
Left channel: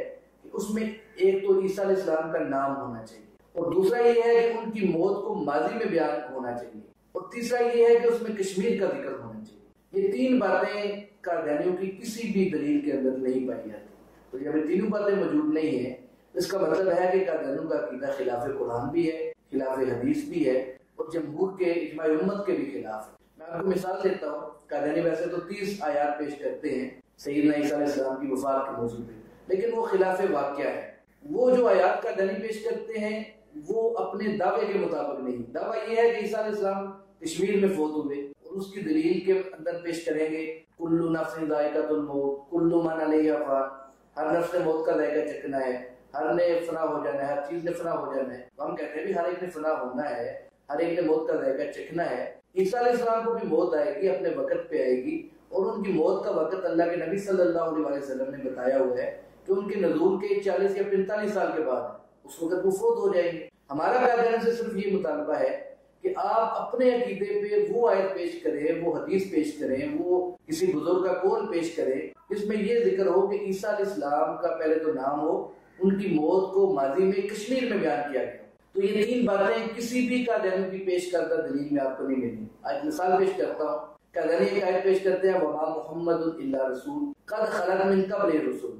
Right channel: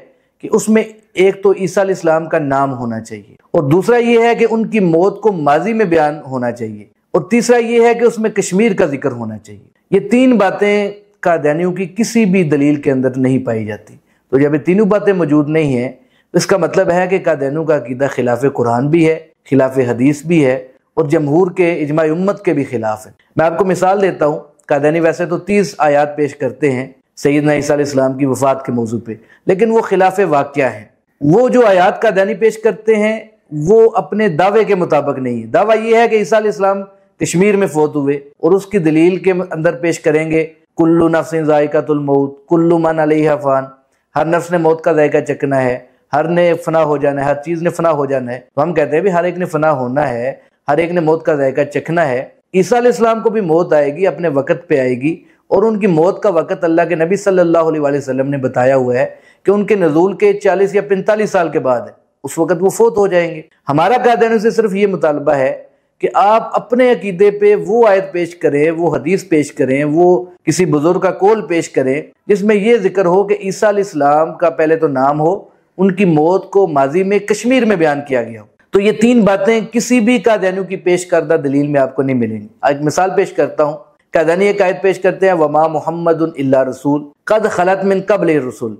کہ اس میں ایک تو عیسیٰ علیہ السلام کا نام ہونا چاہیے، اور دوسرا یہ ہے کہ ان کی موت کو ماضی میں بیان ہونا چاہیے، اور تیسرا یہ ہے کہ اس میں کشمیر کا ذکر ہونا چاہیے۔ یہ 3 باتیں قادیانیوں کی کسی بھی دلیل کے اندر نہیں پائی جاتی۔ تو جب یہ تینوں باتیں موجود نہیں ہیں تو اس کا مطلب ہے کہ قادیانیوں کا عقیدہ خلاف قرآن بھی ہے، خلاف حدیث بھی ہے، اور جمہور کے، اجماع امت کے بھی خلاف ہے۔ میں آپ کو مثال دیتا ہوں۔ قادیانی ویسے تو 30 آیات پیش کرتے ہیں سیدنا عیسیٰ علیہ السلام کی وفات کے موضوع پہ، لیکن وہ خلاف واقعہ ہیں۔ وہ جو آیات قادیانی پیش کرتے ہیں وہ اپنے دعوے کے مطابق نہیں ہے۔ دعویٰ یہ ہے کہ عیسیٰ علیہ السلام کشمیر میں فوت ہوئے، اور اس کی دلیل کے اندر پیش کریں گے کلو نفس ذائقۃ الموت کلو من علیہا فان، ہر نفس نے موت کا ذائقہ چکھنا ہے، ہر نے فنا ہو جانا ہے، ہر چیز نے فنا ہو جانا ہے۔ تو ہم کہتے ہیں بھی ہر ایک نے فنا ہونا ہے، ہر ایک نے موت کا ذائقہ چکھنا ہے۔ عیسیٰ علیہ السلام کو بھی موت آئے گی، اپنے وقت پہ آئے گی، اور ان کی موت کا وقت اللہ کے نبی صلی اللہ علیہ وسلم نے بتایا ہوا ہے کہ ان کے نزول کے 40 یا 45 سال کے بعد ہے، اس وقت وہ فوت ہو جائیں گے۔ ہمارا قادیانیوں سے صرف یہ مطالبہ ہے کہ آپ اپنے عقیدے پہ وہ آیت پیش کریں، وہ حدیث پیش کریں، وہ کسی بزرگ کا قول پیش کریں جس میں یہ ذکر ہو کہ عیسیٰ علیہ السلام کا پہلے تو نام ہو، ان کی موت کو ماضی میں کشمیر میں بیان کیا گیا ہو۔ تو یہ 3 باتیں کسی بھی قادیانیوں کی پیش کردہ دلیل میں آپ کو نہیں ملیں گی۔ ایک مثال پیش کرتا ہوں۔ قادیانی ایک آیت پیش کرتے ہیں وما محمد الا رسول قد خلت من قبل الرسل،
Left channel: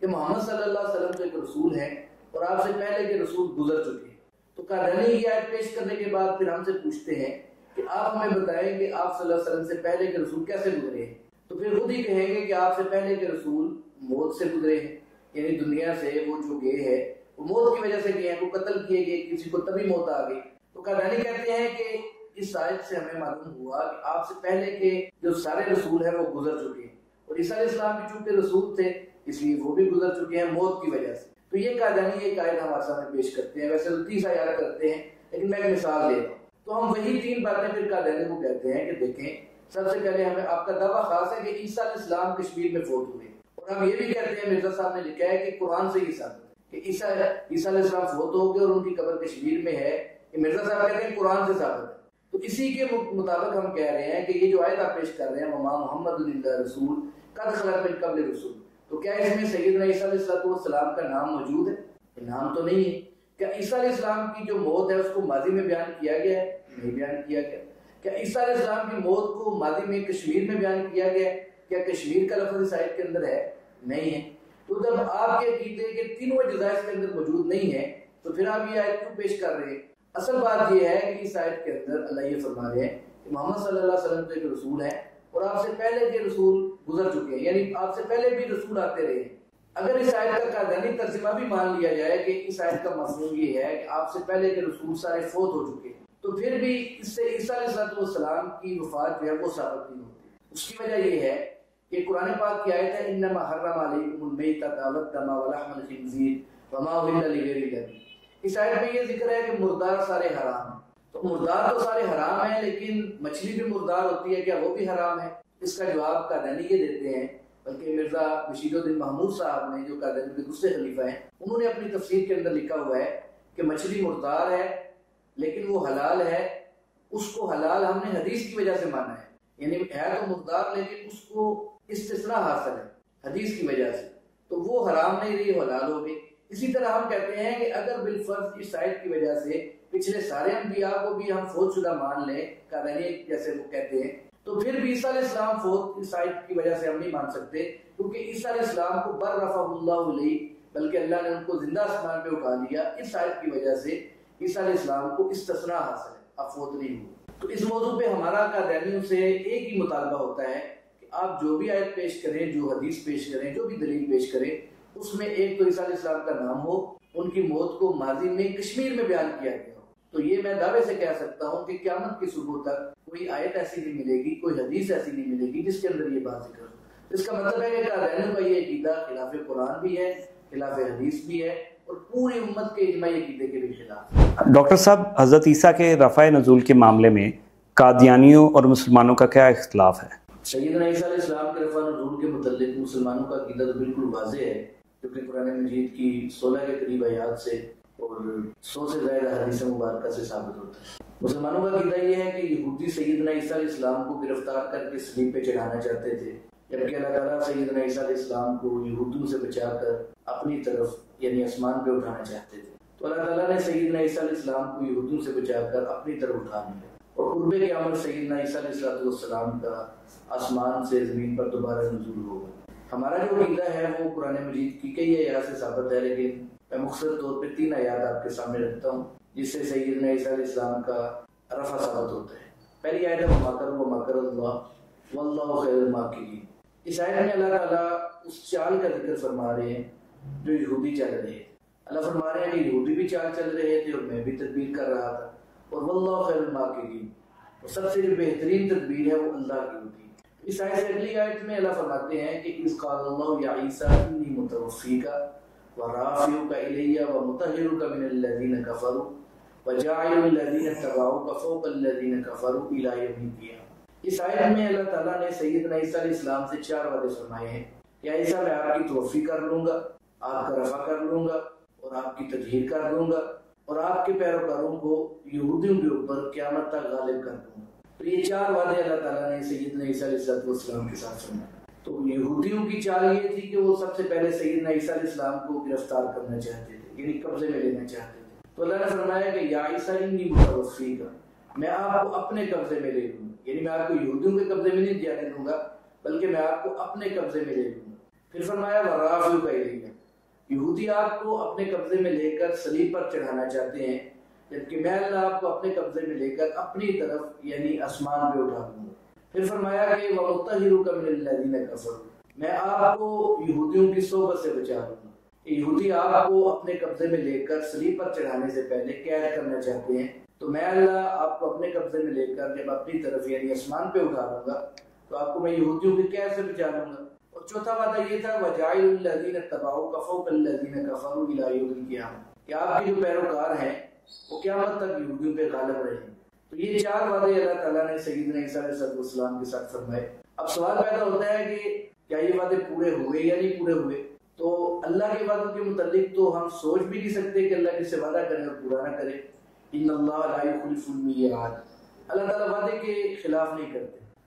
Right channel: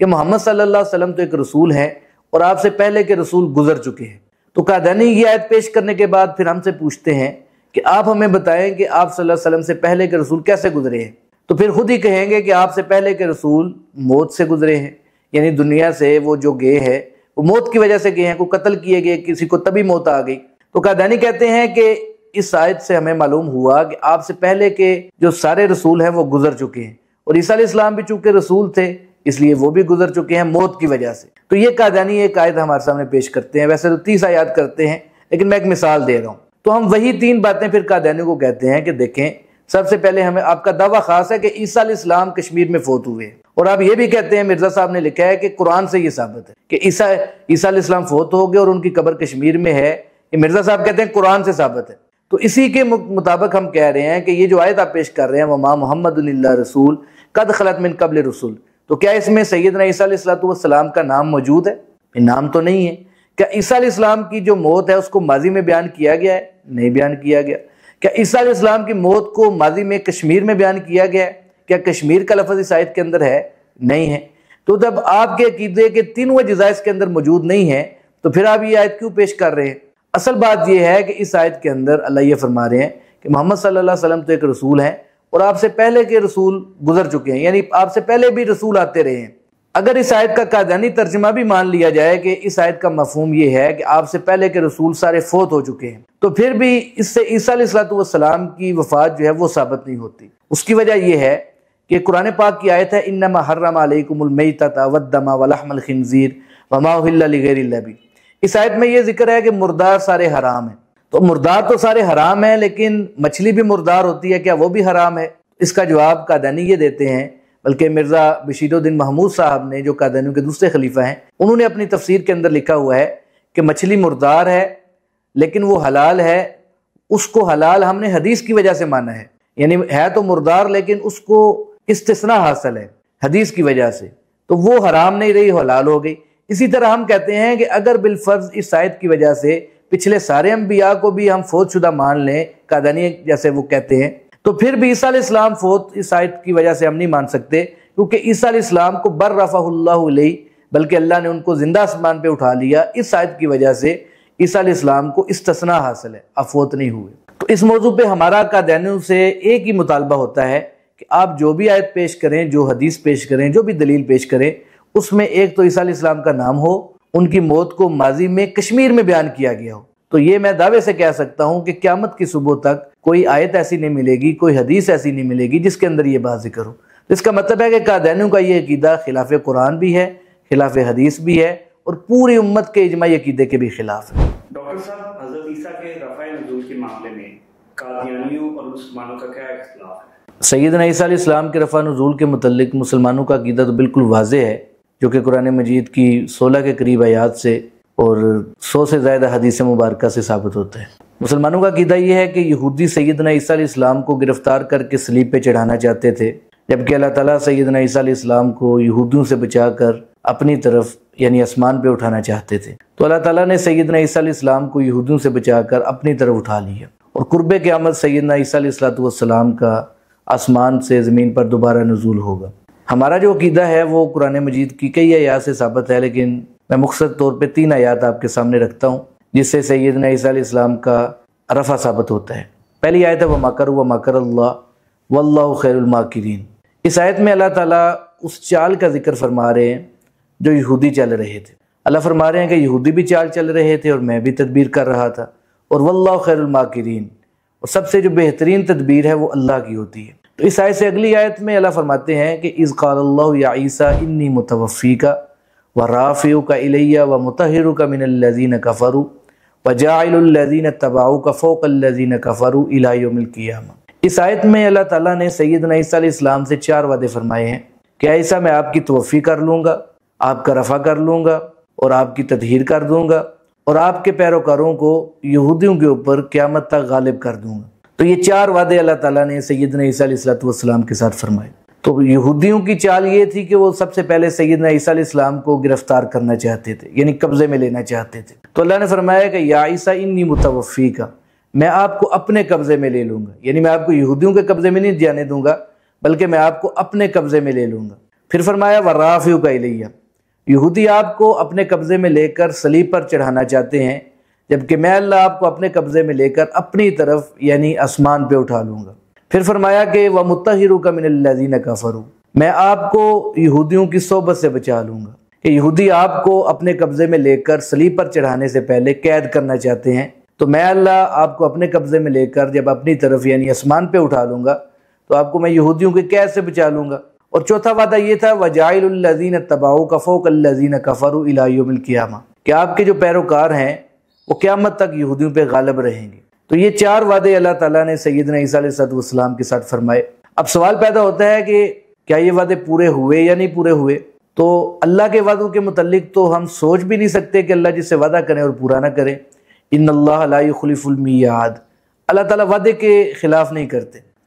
کہ محمد صلی اللہ علیہ وسلم تو ایک رسول ہیں اور آپ سے پہلے کے رسول گزر چکے ہیں۔ تو قادیانی یہ آیت پیش کرنے کے بعد پھر ہم سے پوچھتے ہیں کہ آپ ہمیں بتائیں کہ آپ صلی اللہ علیہ وسلم سے پہلے کے رسول کیسے گزرے ہیں؟ تو پھر خود ہی کہیں گے کہ آپ سے پہلے کے رسول موت سے گزرے ہیں، یعنی دنیا سے وہ جو گئے ہیں وہ موت کی وجہ سے گئے ہیں، کو قتل کیے گئے، کسی کو تبھی موت آ گئی۔ تو قادیانی کہتے ہیں کہ اس آیت سے ہمیں معلوم ہوا کہ آپ سے پہلے کے جو سارے رسول ہیں وہ گزر چکے ہیں، اور عیسیٰ علیہ السلام بھی چونکہ رسول تھے اس لیے وہ بھی گزر چکے ہیں موت کی وجہ سے۔ تو یہ قادیانی ایک آیت ہمارے سامنے پیش کرتے ہیں، ویسے تو 30 آیات کرتے ہیں لیکن میں ایک مثال دے رہا ہوں۔ تو ہم وہی 3 باتیں پھر قادیانیوں کو کہتے ہیں کہ دیکھیں، سب سے پہلے ہمیں آپ کا دعویٰ خاص ہے کہ عیسیٰ علیہ السلام کشمیر میں فوت ہوئے، اور آپ یہ بھی کہتے ہیں مرزا صاحب نے لکھا ہے کہ قرآن سے یہ ثابت ہے کہ عیسیٰ علیہ السلام فوت ہو گئے اور ان کی قبر کشمیر میں ہے، یہ مرزا صاحب کہتے ہیں قرآن سے ثابت ہے۔ تو اسی کے مطابق ہم کہہ رہے ہیں کہ یہ جو آیت آپ پیش کر رہے ہیں وما محمد الا رسول قد خلت من قبل رسول، تو کیا اس میں سیدنا عیسیٰ علیہ السلام کا نام موجود ہے؟ نام تو نہیں ہے۔ کیا عیسیٰ علیہ السلام کی جو موت ہے اس کو ماضی میں بیان کیا گیا ہے؟ نہیں بیان کیا گیا۔ کیا عیسیٰ علیہ السلام کی موت کو ماضی میں کشمیر میں بیان کیا گیا ہے؟ کیا کشمیر کا لفظ اس آیت کے اندر ہے؟ نہیں ہے۔ تو جب آپ کے عقیدے کے تینوں اجزاء اس کے اندر موجود نہیں ہیں تو پھر آپ یہ آیت کیوں پیش کر رہے ہیں؟ اصل بات یہ ہے کہ اس آیت کے اندر اللہ یہ فرما رہے ہیں کہ محمد صلی اللہ علیہ وسلم تو ایک رسول ہیں اور آپ سے پہلے کے رسول گزر چکے ہیں، یعنی آپ سے پہلے بھی رسول آتے رہے ہیں۔ اگر اس آیت کا قادیانی ترجمہ بھی مان لیا جائے کہ اس آیت کا مفہوم یہ ہے کہ آپ سے پہلے کے رسول سارے فوت ہو چکے ہیں، تو پھر بھی اس سے عیسیٰ علیہ السلام کی وفات جو ہے وہ ثابت نہیں ہوتی۔ اس کی وجہ یہ ہے کہ قرآن پاک کی آیت ہے انما حرم علیکم المیتۃ والدم ولحم الخنزیر وما اہل لغیر اللہ بہ۔ اس آیت میں یہ ذکر ہے کہ مردار سارے حرام ہیں۔ تو مردار تو سارے حرام ہیں، لیکن مچھلی بھی مردار ہوتی ہے، کیا وہ بھی حرام ہے؟ اس کا جواب قادیانی یہ دیتے ہیں، بلکہ مرزا بشیر الدین محمود صاحب نے جو قادیانیوں کے دوسرے خلیفہ ہیں، انہوں نے اپنی تفسیر کے اندر لکھا ہوا ہے کہ مچھلی مردار ہے لیکن وہ حلال ہے۔ اس کو حلال ہم نے حدیث کی وجہ سے مانا ہے، یعنی ہے تو مردار لیکن اس کو استثناء حاصل ہے حدیث کی وجہ سے، تو وہ حرام نہیں رہی، حلال ہو گئی۔ اسی طرح ہم کہتے ہیں کہ اگر بالفرض اس آیت کی وجہ سے پچھلے سارے انبیاء کو بھی ہم فوت شدہ مان لیں، قادیانی جیسے وہ کہتے ہیں، تو پھر بھی عیسیٰ علیہ السلام فوت اس آیت کی وجہ سے ہم نہیں مان سکتے، کیونکہ عیسیٰ علیہ السلام کو بر رفعہ اللہ علیہ، بلکہ اللہ نے ان کو زندہ آسمان پہ اٹھا لیا۔ اس آیت کی وجہ سے عیسیٰ علیہ السلام کو استثناء حاصل ہے، اب فوت نہیں ہوئے۔ تو اس موضوع پہ ہمارا قادیانیوں سے ایک ہی مطالبہ ہوتا ہے کہ آپ جو بھی آیت پیش کریں، جو حدیث پیش کریں، جو بھی دلیل پیش کریں، اس میں ایک تو عیسیٰ علیہ السلام کا نام ہو، ان کی موت کو ماضی میں کشمیر میں بیان کیا گیا ہو۔ تو یہ میں دعوے سے کہہ سکتا ہوں کہ قیامت کی صبح تک کوئی آیت ایسی نہیں ملے گی، کوئی حدیث ایسی نہیں ملے گی جس کے اندر یہ بات ذکر ہو۔ اس کا مطلب ہے کہ قادیانیوں کا یہ عقیدہ خلاف قرآن بھی ہے، خلاف حدیث بھی ہے، اور پوری امت کے اجماعی عقیدے کے بھی خلاف ہے۔ ڈاکٹر صاحب، حضرت عیسیٰ کے رفع نزول کے معاملے میں قادیانیوں اور مسلمانوں کا کیا اختلاف ہے؟ سیدنا عیسیٰ علیہ السلام کے رفع نزول کے متعلق مسلمانوں کا عقیدہ تو بالکل واضح ہے، جو کہ قرآن مجید کی 16 کے قریب آیات سے اور 100 سے زائد حدیث مبارکہ سے ثابت ہوتا ہے۔ مسلمانوں کا عقیدہ یہ ہے کہ یہودی سیدنا عیسیٰ علیہ السلام کو گرفتار کر کے صلیب پہ چڑھانا چاہتے تھے، جبکہ اللہ تعالیٰ سیدنا عیسیٰ علیہ السلام کو یہودیوں سے بچا کر اپنی طرف یعنی آسمان پہ اٹھانا چاہتے تھے۔ تو اللہ تعالیٰ نے سیدنا عیسیٰ علیہ السلام کو یہودیوں سے بچا کر اپنی طرف اٹھا لیا، اور قرب قیامت سیدنا عیسیٰ علیہ السلام کا آسمان سے زمین پر دوبارہ نزول ہوگا۔ ہمارا جو عقیدہ ہے وہ قرآن مجید کی کئی آیات سے ثابت ہے، لیکن میں مختصر طور پہ 3 آیات آپ کے سامنے رکھتا ہوں جس سے سیدنا عیسیٰ علیہ السلام کا رفع ثابت ہوتا ہے۔ پہلی آیت ہے وَمَكَرُوا وَمَكَرَ اللَّهُ وَاللَّهُ خَيْرُ الْمَاكِرِينَ۔ اس آیت میں اللہ تعالیٰ اس چال کا ذکر فرما رہے ہیں جو یہودی چل رہے تھے۔ اللہ فرما رہے ہیں کہ یہودی بھی چال چل رہے تھے اور میں بھی تدبیر کر رہا تھا، اور وَاللَّهُ خَيْرُ الْمَاكِرِينَ، اور سب سے جو بہترین تدبیر ہے وہ اللہ کی ہوتی ہے۔ تو اس آیت سے اگلی آیت میں اللہ فرماتے ہیں کہ اِذْ قَالَ اللَّهُ يَا عِيسَىٰ إِنِّي مُتَوَفِّيكَ وَرَافِعُكَ إِلَيَّ وَمُطَهِّرُكَ مِنَ الَّذِينَ كَفَرُوا وَجَاعِلُ الَّذِينَ اتَّبَعُوكَ فَوْقَ الَّذِينَ كَفَرُوا إِلَىٰ يَوْمِ الْقِيَامَةِ۔ اس آیت میں اللہ تعالیٰ نے سیدنا عیسیٰ علیہ السلام سے 4 وعدے فرمائے ہیں کہ عیسیٰ میں آپ کی توفی کر لوں گا، آپ کا رفع کر لوں گا، اور آپ کی تطہیر کر دوں گا، اور آپ کے پیروکاروں کو یہودیوں کے اوپر قیامت تک غالب کر دوں گا۔ تو یہ 4 وعدے اللہ تعالیٰ نے سیدنا عیسیٰ علیہ السلام کے ساتھ فرمائے۔ تو یہودیوں کی چال یہ تھی کہ وہ سب سے پہلے سیدنا عیسیٰ علیہ السلام کو گرفتار کرنا چاہتے تھے، یعنی قبضے میں لینا چاہتے تھے۔ تو اللہ نے فرمایا کہ یا عیسیٰ انی متوفیک، میں آپ کو اپنے قبضے میں لے لوں گا، یعنی میں آپ کو یہودیوں کے قبضے میں نہیں جانے دوں گا، بلکہ میں آپ کو اپنے قبضے میں لے لوں گا۔ پھر فرمایا ورافعک الیہ، یہودی آپ کو اپنے قبضے میں لے کر صلیب پر چڑھانا چاہتے ہیں، جبکہ میں اللہ آپ کو اپنے قبضے میں لے کر اپنی طرف یعنی آسمان پہ اٹھا لوں گا۔ پھر فرمایا کہ وَمُطَهِّرُكَ مِنَ الَّذِينَ كَفَرُوا، میں آپ کو یہودیوں کی صحبت سے بچا لوں گا، کہ یہودی آپ کو اپنے قبضے میں لے کر صلیب پر چڑھانے سے پہلے قید کرنا چاہتے ہیں، تو میں اللہ آپ کو اپنے قبضے میں لے کر جب اپنی طرف یعنی آسمان پہ اٹھا لوں گا تو آپ کو میں یہودیوں کی قید سے بچا لوں گا۔ اور چوتھا وعدہ یہ تھا وَجَاعِلُ الَّذِينَ اتَّبَعُوكَ فَوْقَ الَّذِينَ كَفَرُوا إِلَىٰ يَوْمِ الْقِيَامَةِ، کہ آپ کے جو پیروکار ہیں وہ قیامت تک یہودیوں پہ غالب رہیں گے۔ تو یہ 4 وعدے اللہ تعالیٰ نے سیدنا عیسیٰ علیہ السلام کے ساتھ فرمائے۔ اب سوال پیدا ہوتا ہے کہ کیا یہ وعدے پورے ہوئے یا نہیں پورے ہوئے؟ تو اللہ کے وعدوں کے متعلق تو ہم سوچ بھی نہیں سکتے کہ اللہ جس سے وعدہ کریں اور پورا نہ کرے۔ ان اللہ لا یخلف المیعاد، اللہ تعالیٰ وعدے کے خلاف نہیں کرتے۔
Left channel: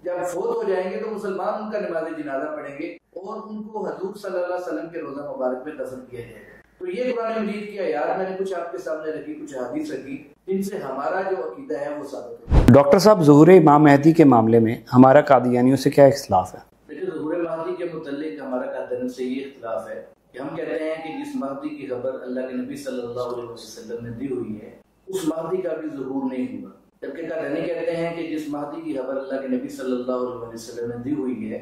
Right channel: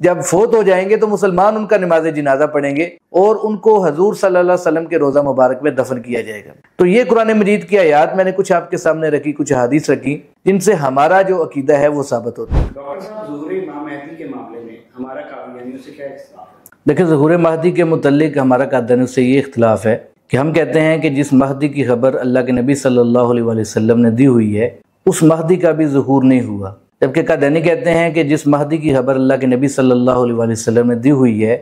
جب فوت ہو جائیں گے تو مسلمان ان کا نماز جنازہ پڑھیں گے اور ان کو حضور صلی اللہ علیہ وسلم کے روضہ مبارک میں دفن کیا جائے گا۔ تو یہ قرآن مجید کی آیات میں نے کچھ آپ کے سامنے رکھی، کچھ حدیث رکھی جن سے ہمارا جو عقیدہ ہے وہ ثابت ہوتا ہے۔ ڈاکٹر صاحب، ظہور امام مہدی کے معاملے میں ہمارا قادیانیوں سے کیا اختلاف ہے؟ دیکھیں، ظہور مہدی کے متعلق ہمارا قادیانیوں سے یہ اختلاف ہے کہ ہم کہتے ہیں کہ جس مہدی کی خبر اللہ کے نبی صلی اللہ علیہ وسلم نے دی ہوئی ہے اس مہدی کا بھی ظہور نہیں ہوا، جبکہ قادیانی کہتے ہیں کہ جس مہدی کی خبر اللہ کے نبی صلی اللہ علیہ وسلم نے دی ہوئی ہے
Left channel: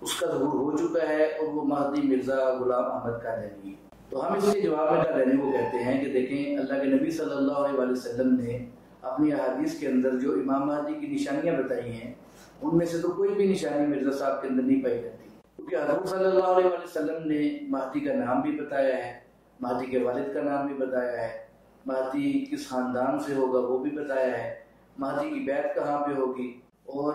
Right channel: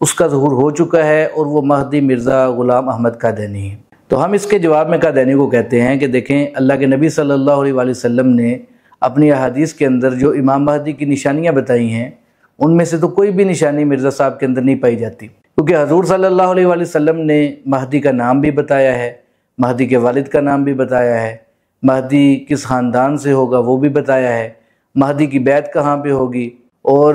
اس کا ظہور ہو چکا ہے اور وہ مہدی مرزا غلام احمد قادیانی ہے۔ تو ہم اس کے جواب میں قادیانی کو کہتے ہیں کہ دیکھیں، اللہ کے نبی صلی اللہ علیہ وسلم نے اپنی احادیث کے اندر جو امام مہدی کی نشانیاں بتائی ہیں ان میں سے تو کوئی بھی نشانی مرزا صاحب کے اندر نہیں پائی جاتی، کیونکہ حضور صلی اللہ علیہ وسلم نے مہدی کا نام بھی بتایا ہے، مہدی کے والد کا نام بھی بتایا ہے، مہدی کس خاندان سے ہوگا وہ بھی بتایا ہے، مہدی کی بیعت کہاں پہ ہوگی اور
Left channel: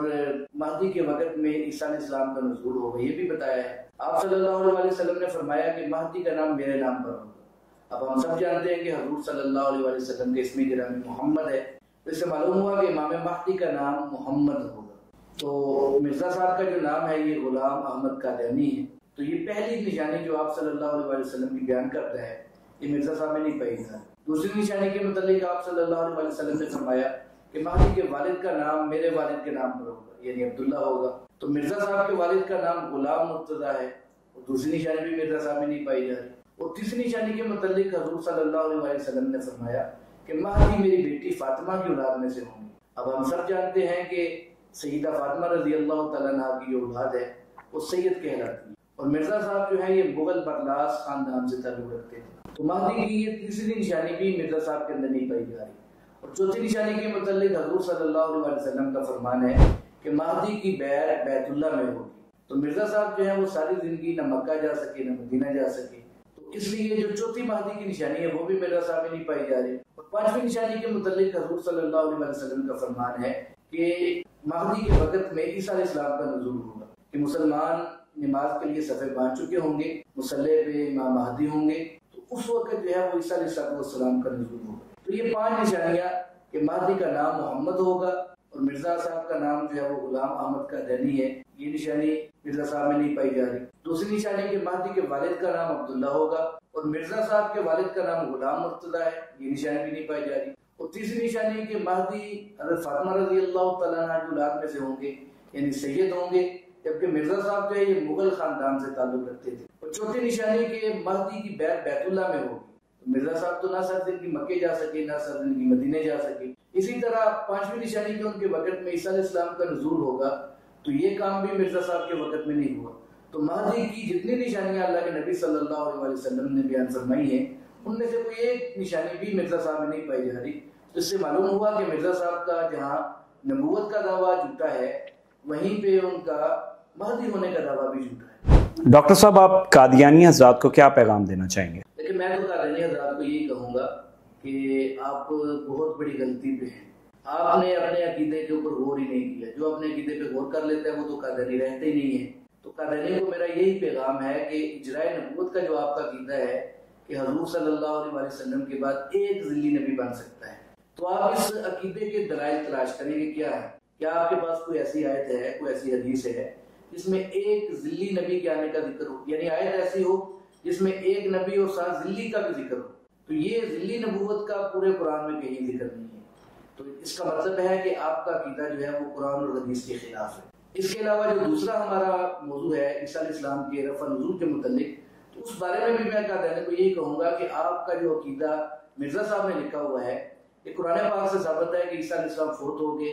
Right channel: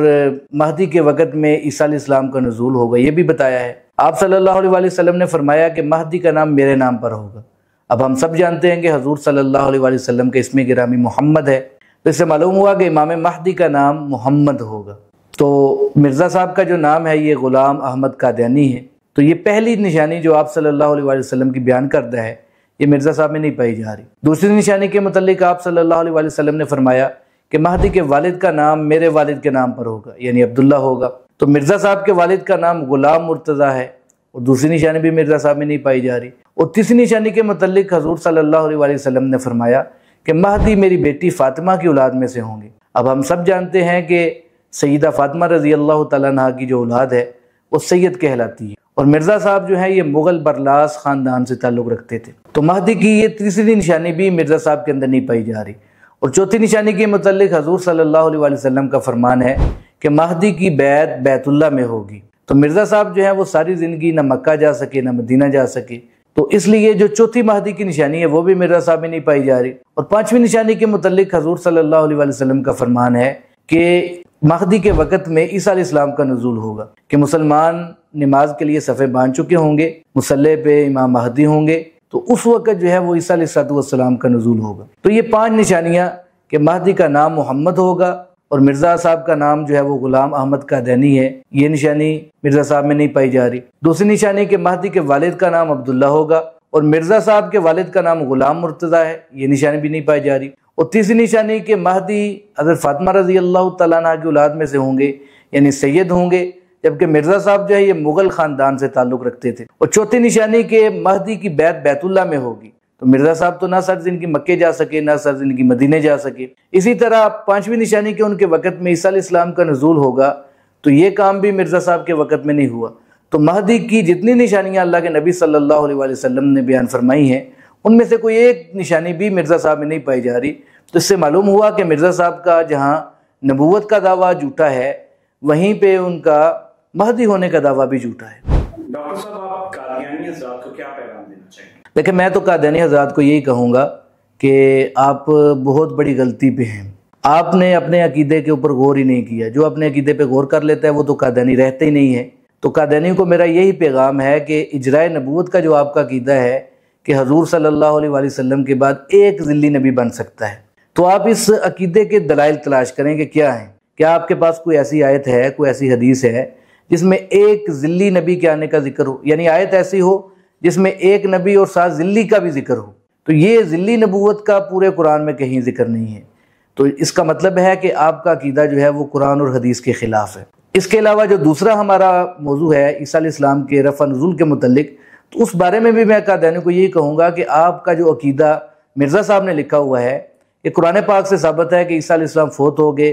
مہدی کے وقت میں عیسیٰ علیہ السلام کا نزول ہوگا یہ بھی بتایا ہے۔ آپ صلی اللہ علیہ وسلم نے فرمایا کہ مہدی کا نام میرے نام پر ہوگا۔ اب ہم سب جانتے ہیں کہ حضور صلی اللہ علیہ وسلم کا اسم گرامی محمد ہے، تو اس سے معلوم ہوا کہ امام مہدی کا نام محمد ہوگا۔ تو مرزا صاحب کا جو نام ہے یہ غلام احمد قادیانی ہے، تو یہ پہلی نشانی جو آپ صلی اللہ علیہ وسلم کی بیان کردہ ہے یہ مرزا صاحب میں نہیں پائی جا رہی۔ دوسری نشانی کے متعلق آپ صلی اللہ علیہ وسلم نے فرمایا کہ مہدی کے والد کا نام میرے والد کے نام پر ہوگا، یعنی عبداللہ ہوگا۔ تو مرزا صاحب کے والد کا نام غلام مرتضیٰ ہے اور دوسری نشانی بھی مرزا صاحب میں نہیں پائی جا رہی۔ اور تیسری نشانی کے متعلق حضور صلی اللہ علیہ وسلم نے فرمایا کہ مہدی میری بیٹی فاطمہ کی اولاد میں سے ہوں گے۔ اب ہم سب جانتے ہیں کہ سیدہ فاطمہ رضی اللہ تعالیٰ عنہ کی جو اولاد ہے وہ سید کہلاتی ہے، اور مرزا صاحب جو ہے یہ مغل برلاس خاندان سے تعلق رکھتے تھے۔ تو مہدی کی یہ تیسری نشانی بھی مرزا صاحب کے اندر نہیں پائی جا رہی۔ اور چوتھی نشانی کے متعلق حضور صلی اللہ علیہ وسلم کا فرمان ہے کہ مہدی کی بیعت بیت اللہ میں ہوگی۔ تو مرزا صاحب جو ہے وہ ساری زندگی نہ مکہ جا سکے نہ مدینہ جا سکے، تو اس لیے جو چوتھی مہدی کی نشانی ہے وہ بھی مرزا صاحب میں نہیں پائی جا رہی۔ اور پانچویں نشانی کے متعلق حضور صلی اللہ علیہ وسلم کا فرمان ہے کہ مہدی کے وقت میں عیسیٰ علیہ السلام کا نزول ہوگا، کہ مسلمان نماز کے لیے صفیں باندھ چکے ہوں گے، مصلی پہ امام مہدی ہوں گے، تو اس وقت جو ہے وہ عیسیٰ علیہ السلام کا نزول ہوگا۔ تو یہ پانچ نشانیاں کہ مہدی کا نام محمد ہوگا اور مرزا صاحب کا نام جو ہے وہ غلام احمد قادیانی ہے، یہ نشانی مرزا صاحب میں نہیں پائی جا رہی۔ دوسری نشانی کہ مہدی کے والد کا نام عبداللہ ہوگا اور مرزا صاحب کے والد کا نام غلام مرتضیٰ ہے، یہ نشانی بھی نہیں پائی جا رہی۔ اور تیسری نشانی کہ مہدی حضرت فاطمہ رضی اللہ تعالیٰ عنہ کی اولاد میں سے ہوں گے، یعنی سید ہوں گے، جبکہ مرزا صاحب جو ہے یہ مغل خاندان سے تعلق رکھتے تھے۔ اور چوتھی نشانی کہ مہدی کی بیعت بیت اللہ میں ہوگی، تو مرزا صاحب تو نہ سر زندگی مکے جا سکے نہ سر زندگی مدینے جا سکے۔ اسی طرح پانچویں نشانی کہ ان کے وقت میں عیسیٰ علیہ السلام کا نزول ہوگا، تو یہ کام بھی مرزا صاحب کے وقت میں نہیں ہوا۔ تو مہدی کی جتنی نشانیاں اللہ کے نبی صلی اللہ علیہ وسلم نے بیان فرمائی ہیں ان میں سے کوئی ایک نشانی بھی مرزا صاحب میں نہیں پائی جا رہی۔ تو اس سے معلوم ہوا کہ مرزا صاحب کا جہاں نبوت کا دعویٰ جھوٹا ہے وہیں پہ ان کا مہدی ہونے کا دعویٰ بھی جھوٹا ہے۔ ڈاکٹر صاحب، آپ قادیانی حضرات کو کیا پیغام دینا چاہیں گے؟ لیکن میں تو قادیانی حضرات کو یہی کہوں گا کہ آپ بہت بڑی غلطی پہ ہیں۔ آپ نے اپنے عقیدے کے اوپر غور ہی نہیں کیا۔ جو اپنے عقیدے پہ غور کر لیتا ہے وہ تو قادیانی رہتے ہی نہیں ہے۔ تو قادیانی کو میرا یہی پیغام ہے کہ اجرائے نبوت کا جو آپ کا عقیدہ ہے کہ حضور صلی اللہ علیہ وسلم کے بعد ایک ذلی نبی بن سکتا ہے، تو آپ اس عقیدے کے دلائل تلاش کریں کہ کیا ہیں۔ کیا آپ کے پاس کوئی ایسی آیت ہے، کوئی ایسی حدیث ہے جس میں ایک ذلی نبی کے آنے کا ذکر ہو، یعنی آیت ایسی ہو جس میں ایک نبی اور ساتھ ذلی کا بھی ذکر ہو؟ تو یہ ذلی نبوت کا پورے قرآن میں کہیں ذکر نہیں ہے۔ تو اس کا مطلب ہے کہ آپ کا عقیدہ جو ہے وہ قرآن اور حدیث کے خلاف ہے۔ اس کے علاوہ جو دوسرا ہمارا موضوع ہے عیسیٰ علیہ السلام کے رفع نزول کے متعلق، تو اس بارے میں بھی میں قادیانی کو یہی کہوں گا کہ آپ کا جو عقیدہ مرزا صاحب نے لکھا ہوا ہے کہ قرآن پاک سے ثابت ہے کہ عیسیٰ علیہ السلام فوت ہو گئے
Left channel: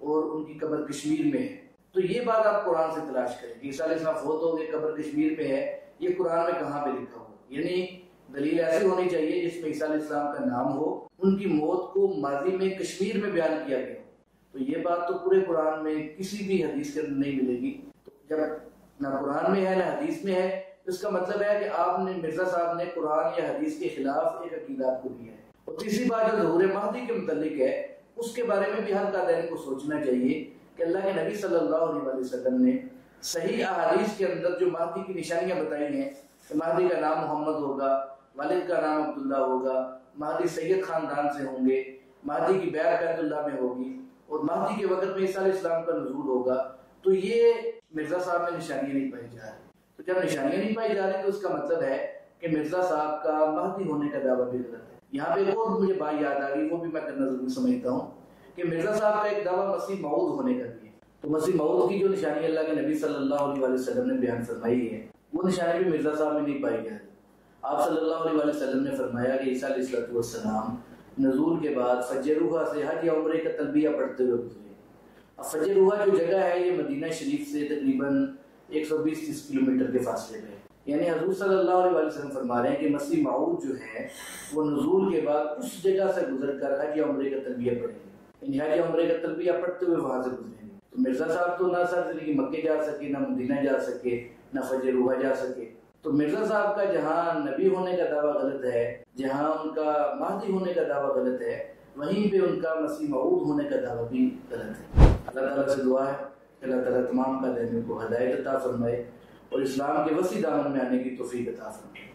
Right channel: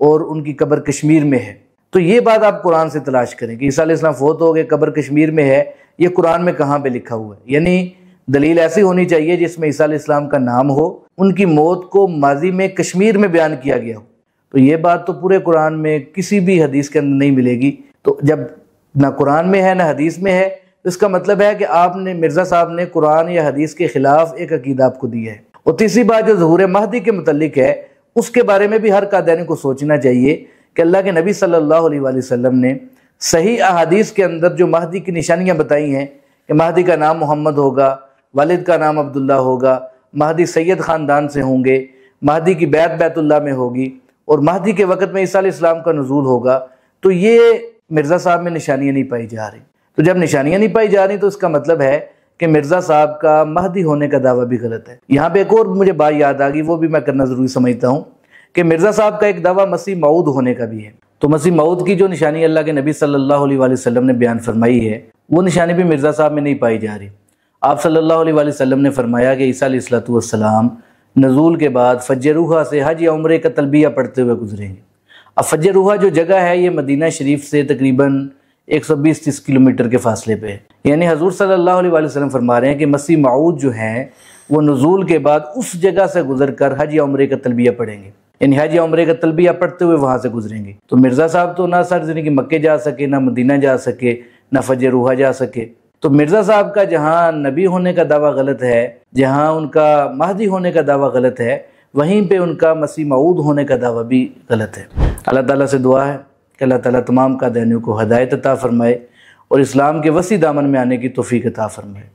اور ان کی قبر کشمیر میں ہے، تو یہ بات آپ قرآن سے تلاش کریں کہ عیسیٰ علیہ السلام فوت ہو گئے قبر کشمیر میں ہے، یہ قرآن میں کہاں پہ لکھا ہوا ہے؟ یعنی دلیل ایسی ہونی چاہیے جس میں عیسیٰ علیہ السلام کا نام ہو، ان کی موت کو ماضی میں کشمیر میں بیان کیا گیا ہو۔ تو یہ بات تو پورے قرآن میں کسی بھی حدیث کے اندر نہیں ملے گی۔ تو جب نہ قرآن میں ہے نہ حدیث میں ہے، اس کا مطلب ہے کہ آپ نے مرزا صاحب نے قرآن یا حدیث کے خلاف ایک عقیدہ آپ کو دیا ہے۔ اور تیسری بات جو ظہور مہدی کے متعلق ہے، اس کے بارے میں بھی ہر قادیانی کو سوچنا چاہیے کہ اللہ کے نبی صلی اللہ علیہ وسلم نے صحیح احادیث کے اندر جو مہدی کی نشانیاں بتائی ہیں کہ مہدی کا نام محمد ہوگا، والد کا نام عبداللہ ہوگا، مہدی سید خاندان سے ہوں گے، مہدی کی بیعت بیت اللہ میں ہوگی اور مہدی کے وقت میں عیسیٰ علیہ السلام کا نزول ہوگا، تو یہ مرزا صاحب میں نشانیاں نہیں پائی جا رہی. تو جب نشانیاں نہیں پائی جا رہی تو اس کا مطلب ہے کہ مرزا صاحب کا مہدی ہونے کا دعویٰ بھی غلط ہے. یہاں پہ ایک اور مجھے بات یاد آ گئی، وہ بھی میں کرنا ضروری سمجھتا ہوں کہ مرزا صاحب کا ایک دعویٰ مسیح موعود ہونے کا بھی ہے. تو مسیح موعود کی جو نشانی اللہ کے نبی صلی اللہ علیہ وآلہ وسلم نے بیان فرمائی ہے، وہ نشانی بھی مرزا صاحب میں نہیں پائی جا رہی. آپ صلی اللہ علیہ وآلہ وسلم نے فرمایا کہ عیسیٰ علیہ السلام نزول کے بعد فج روحہ سے حج یا عمرے کا تلبیہ پڑھتے ہوئے گزریں گے. اب فج روحہ جو جگہ ہے یہ مدینہ شریف سے تقریباً 120-130 کلومیٹر کے فاصلے پہ ہے. یعنی حضور صلی اللہ علیہ وآلہ وسلم فرما رہے ہیں کہ مسیح موعود جو ہیں وہ نزول کے بعد اس جگہ سے گزر کر حج یا عمرے کا تلبیہ پڑھیں گے، یعنی حج یا عمرے کا تلبیہ پڑھتے ہوئے وہاں سے گزریں گے. تو مرزا صاحب تو نہ سرزمین کی مکے جا سکے، نہ مدینہ جا سکے، نہ فج روحہ جا سکے. تو مرزا صاحب کا جہاں نبی ہونے کا دعویٰ غلط ہے، جہاں ان کا مہدی ہونے کا دعویٰ غلط ہے، وہیں پہ ان کا مسیح موعود ہونے کا دعویٰ بھی غلط ہے. اللہ تعالیٰ سے دعا ہے کہ اللہ تعالیٰ تمام قادیانیوں کو ہدایت عطا فرمائے اور اسلام کے وسیع دامن میں آنے کی توفیق عطا فرمائے.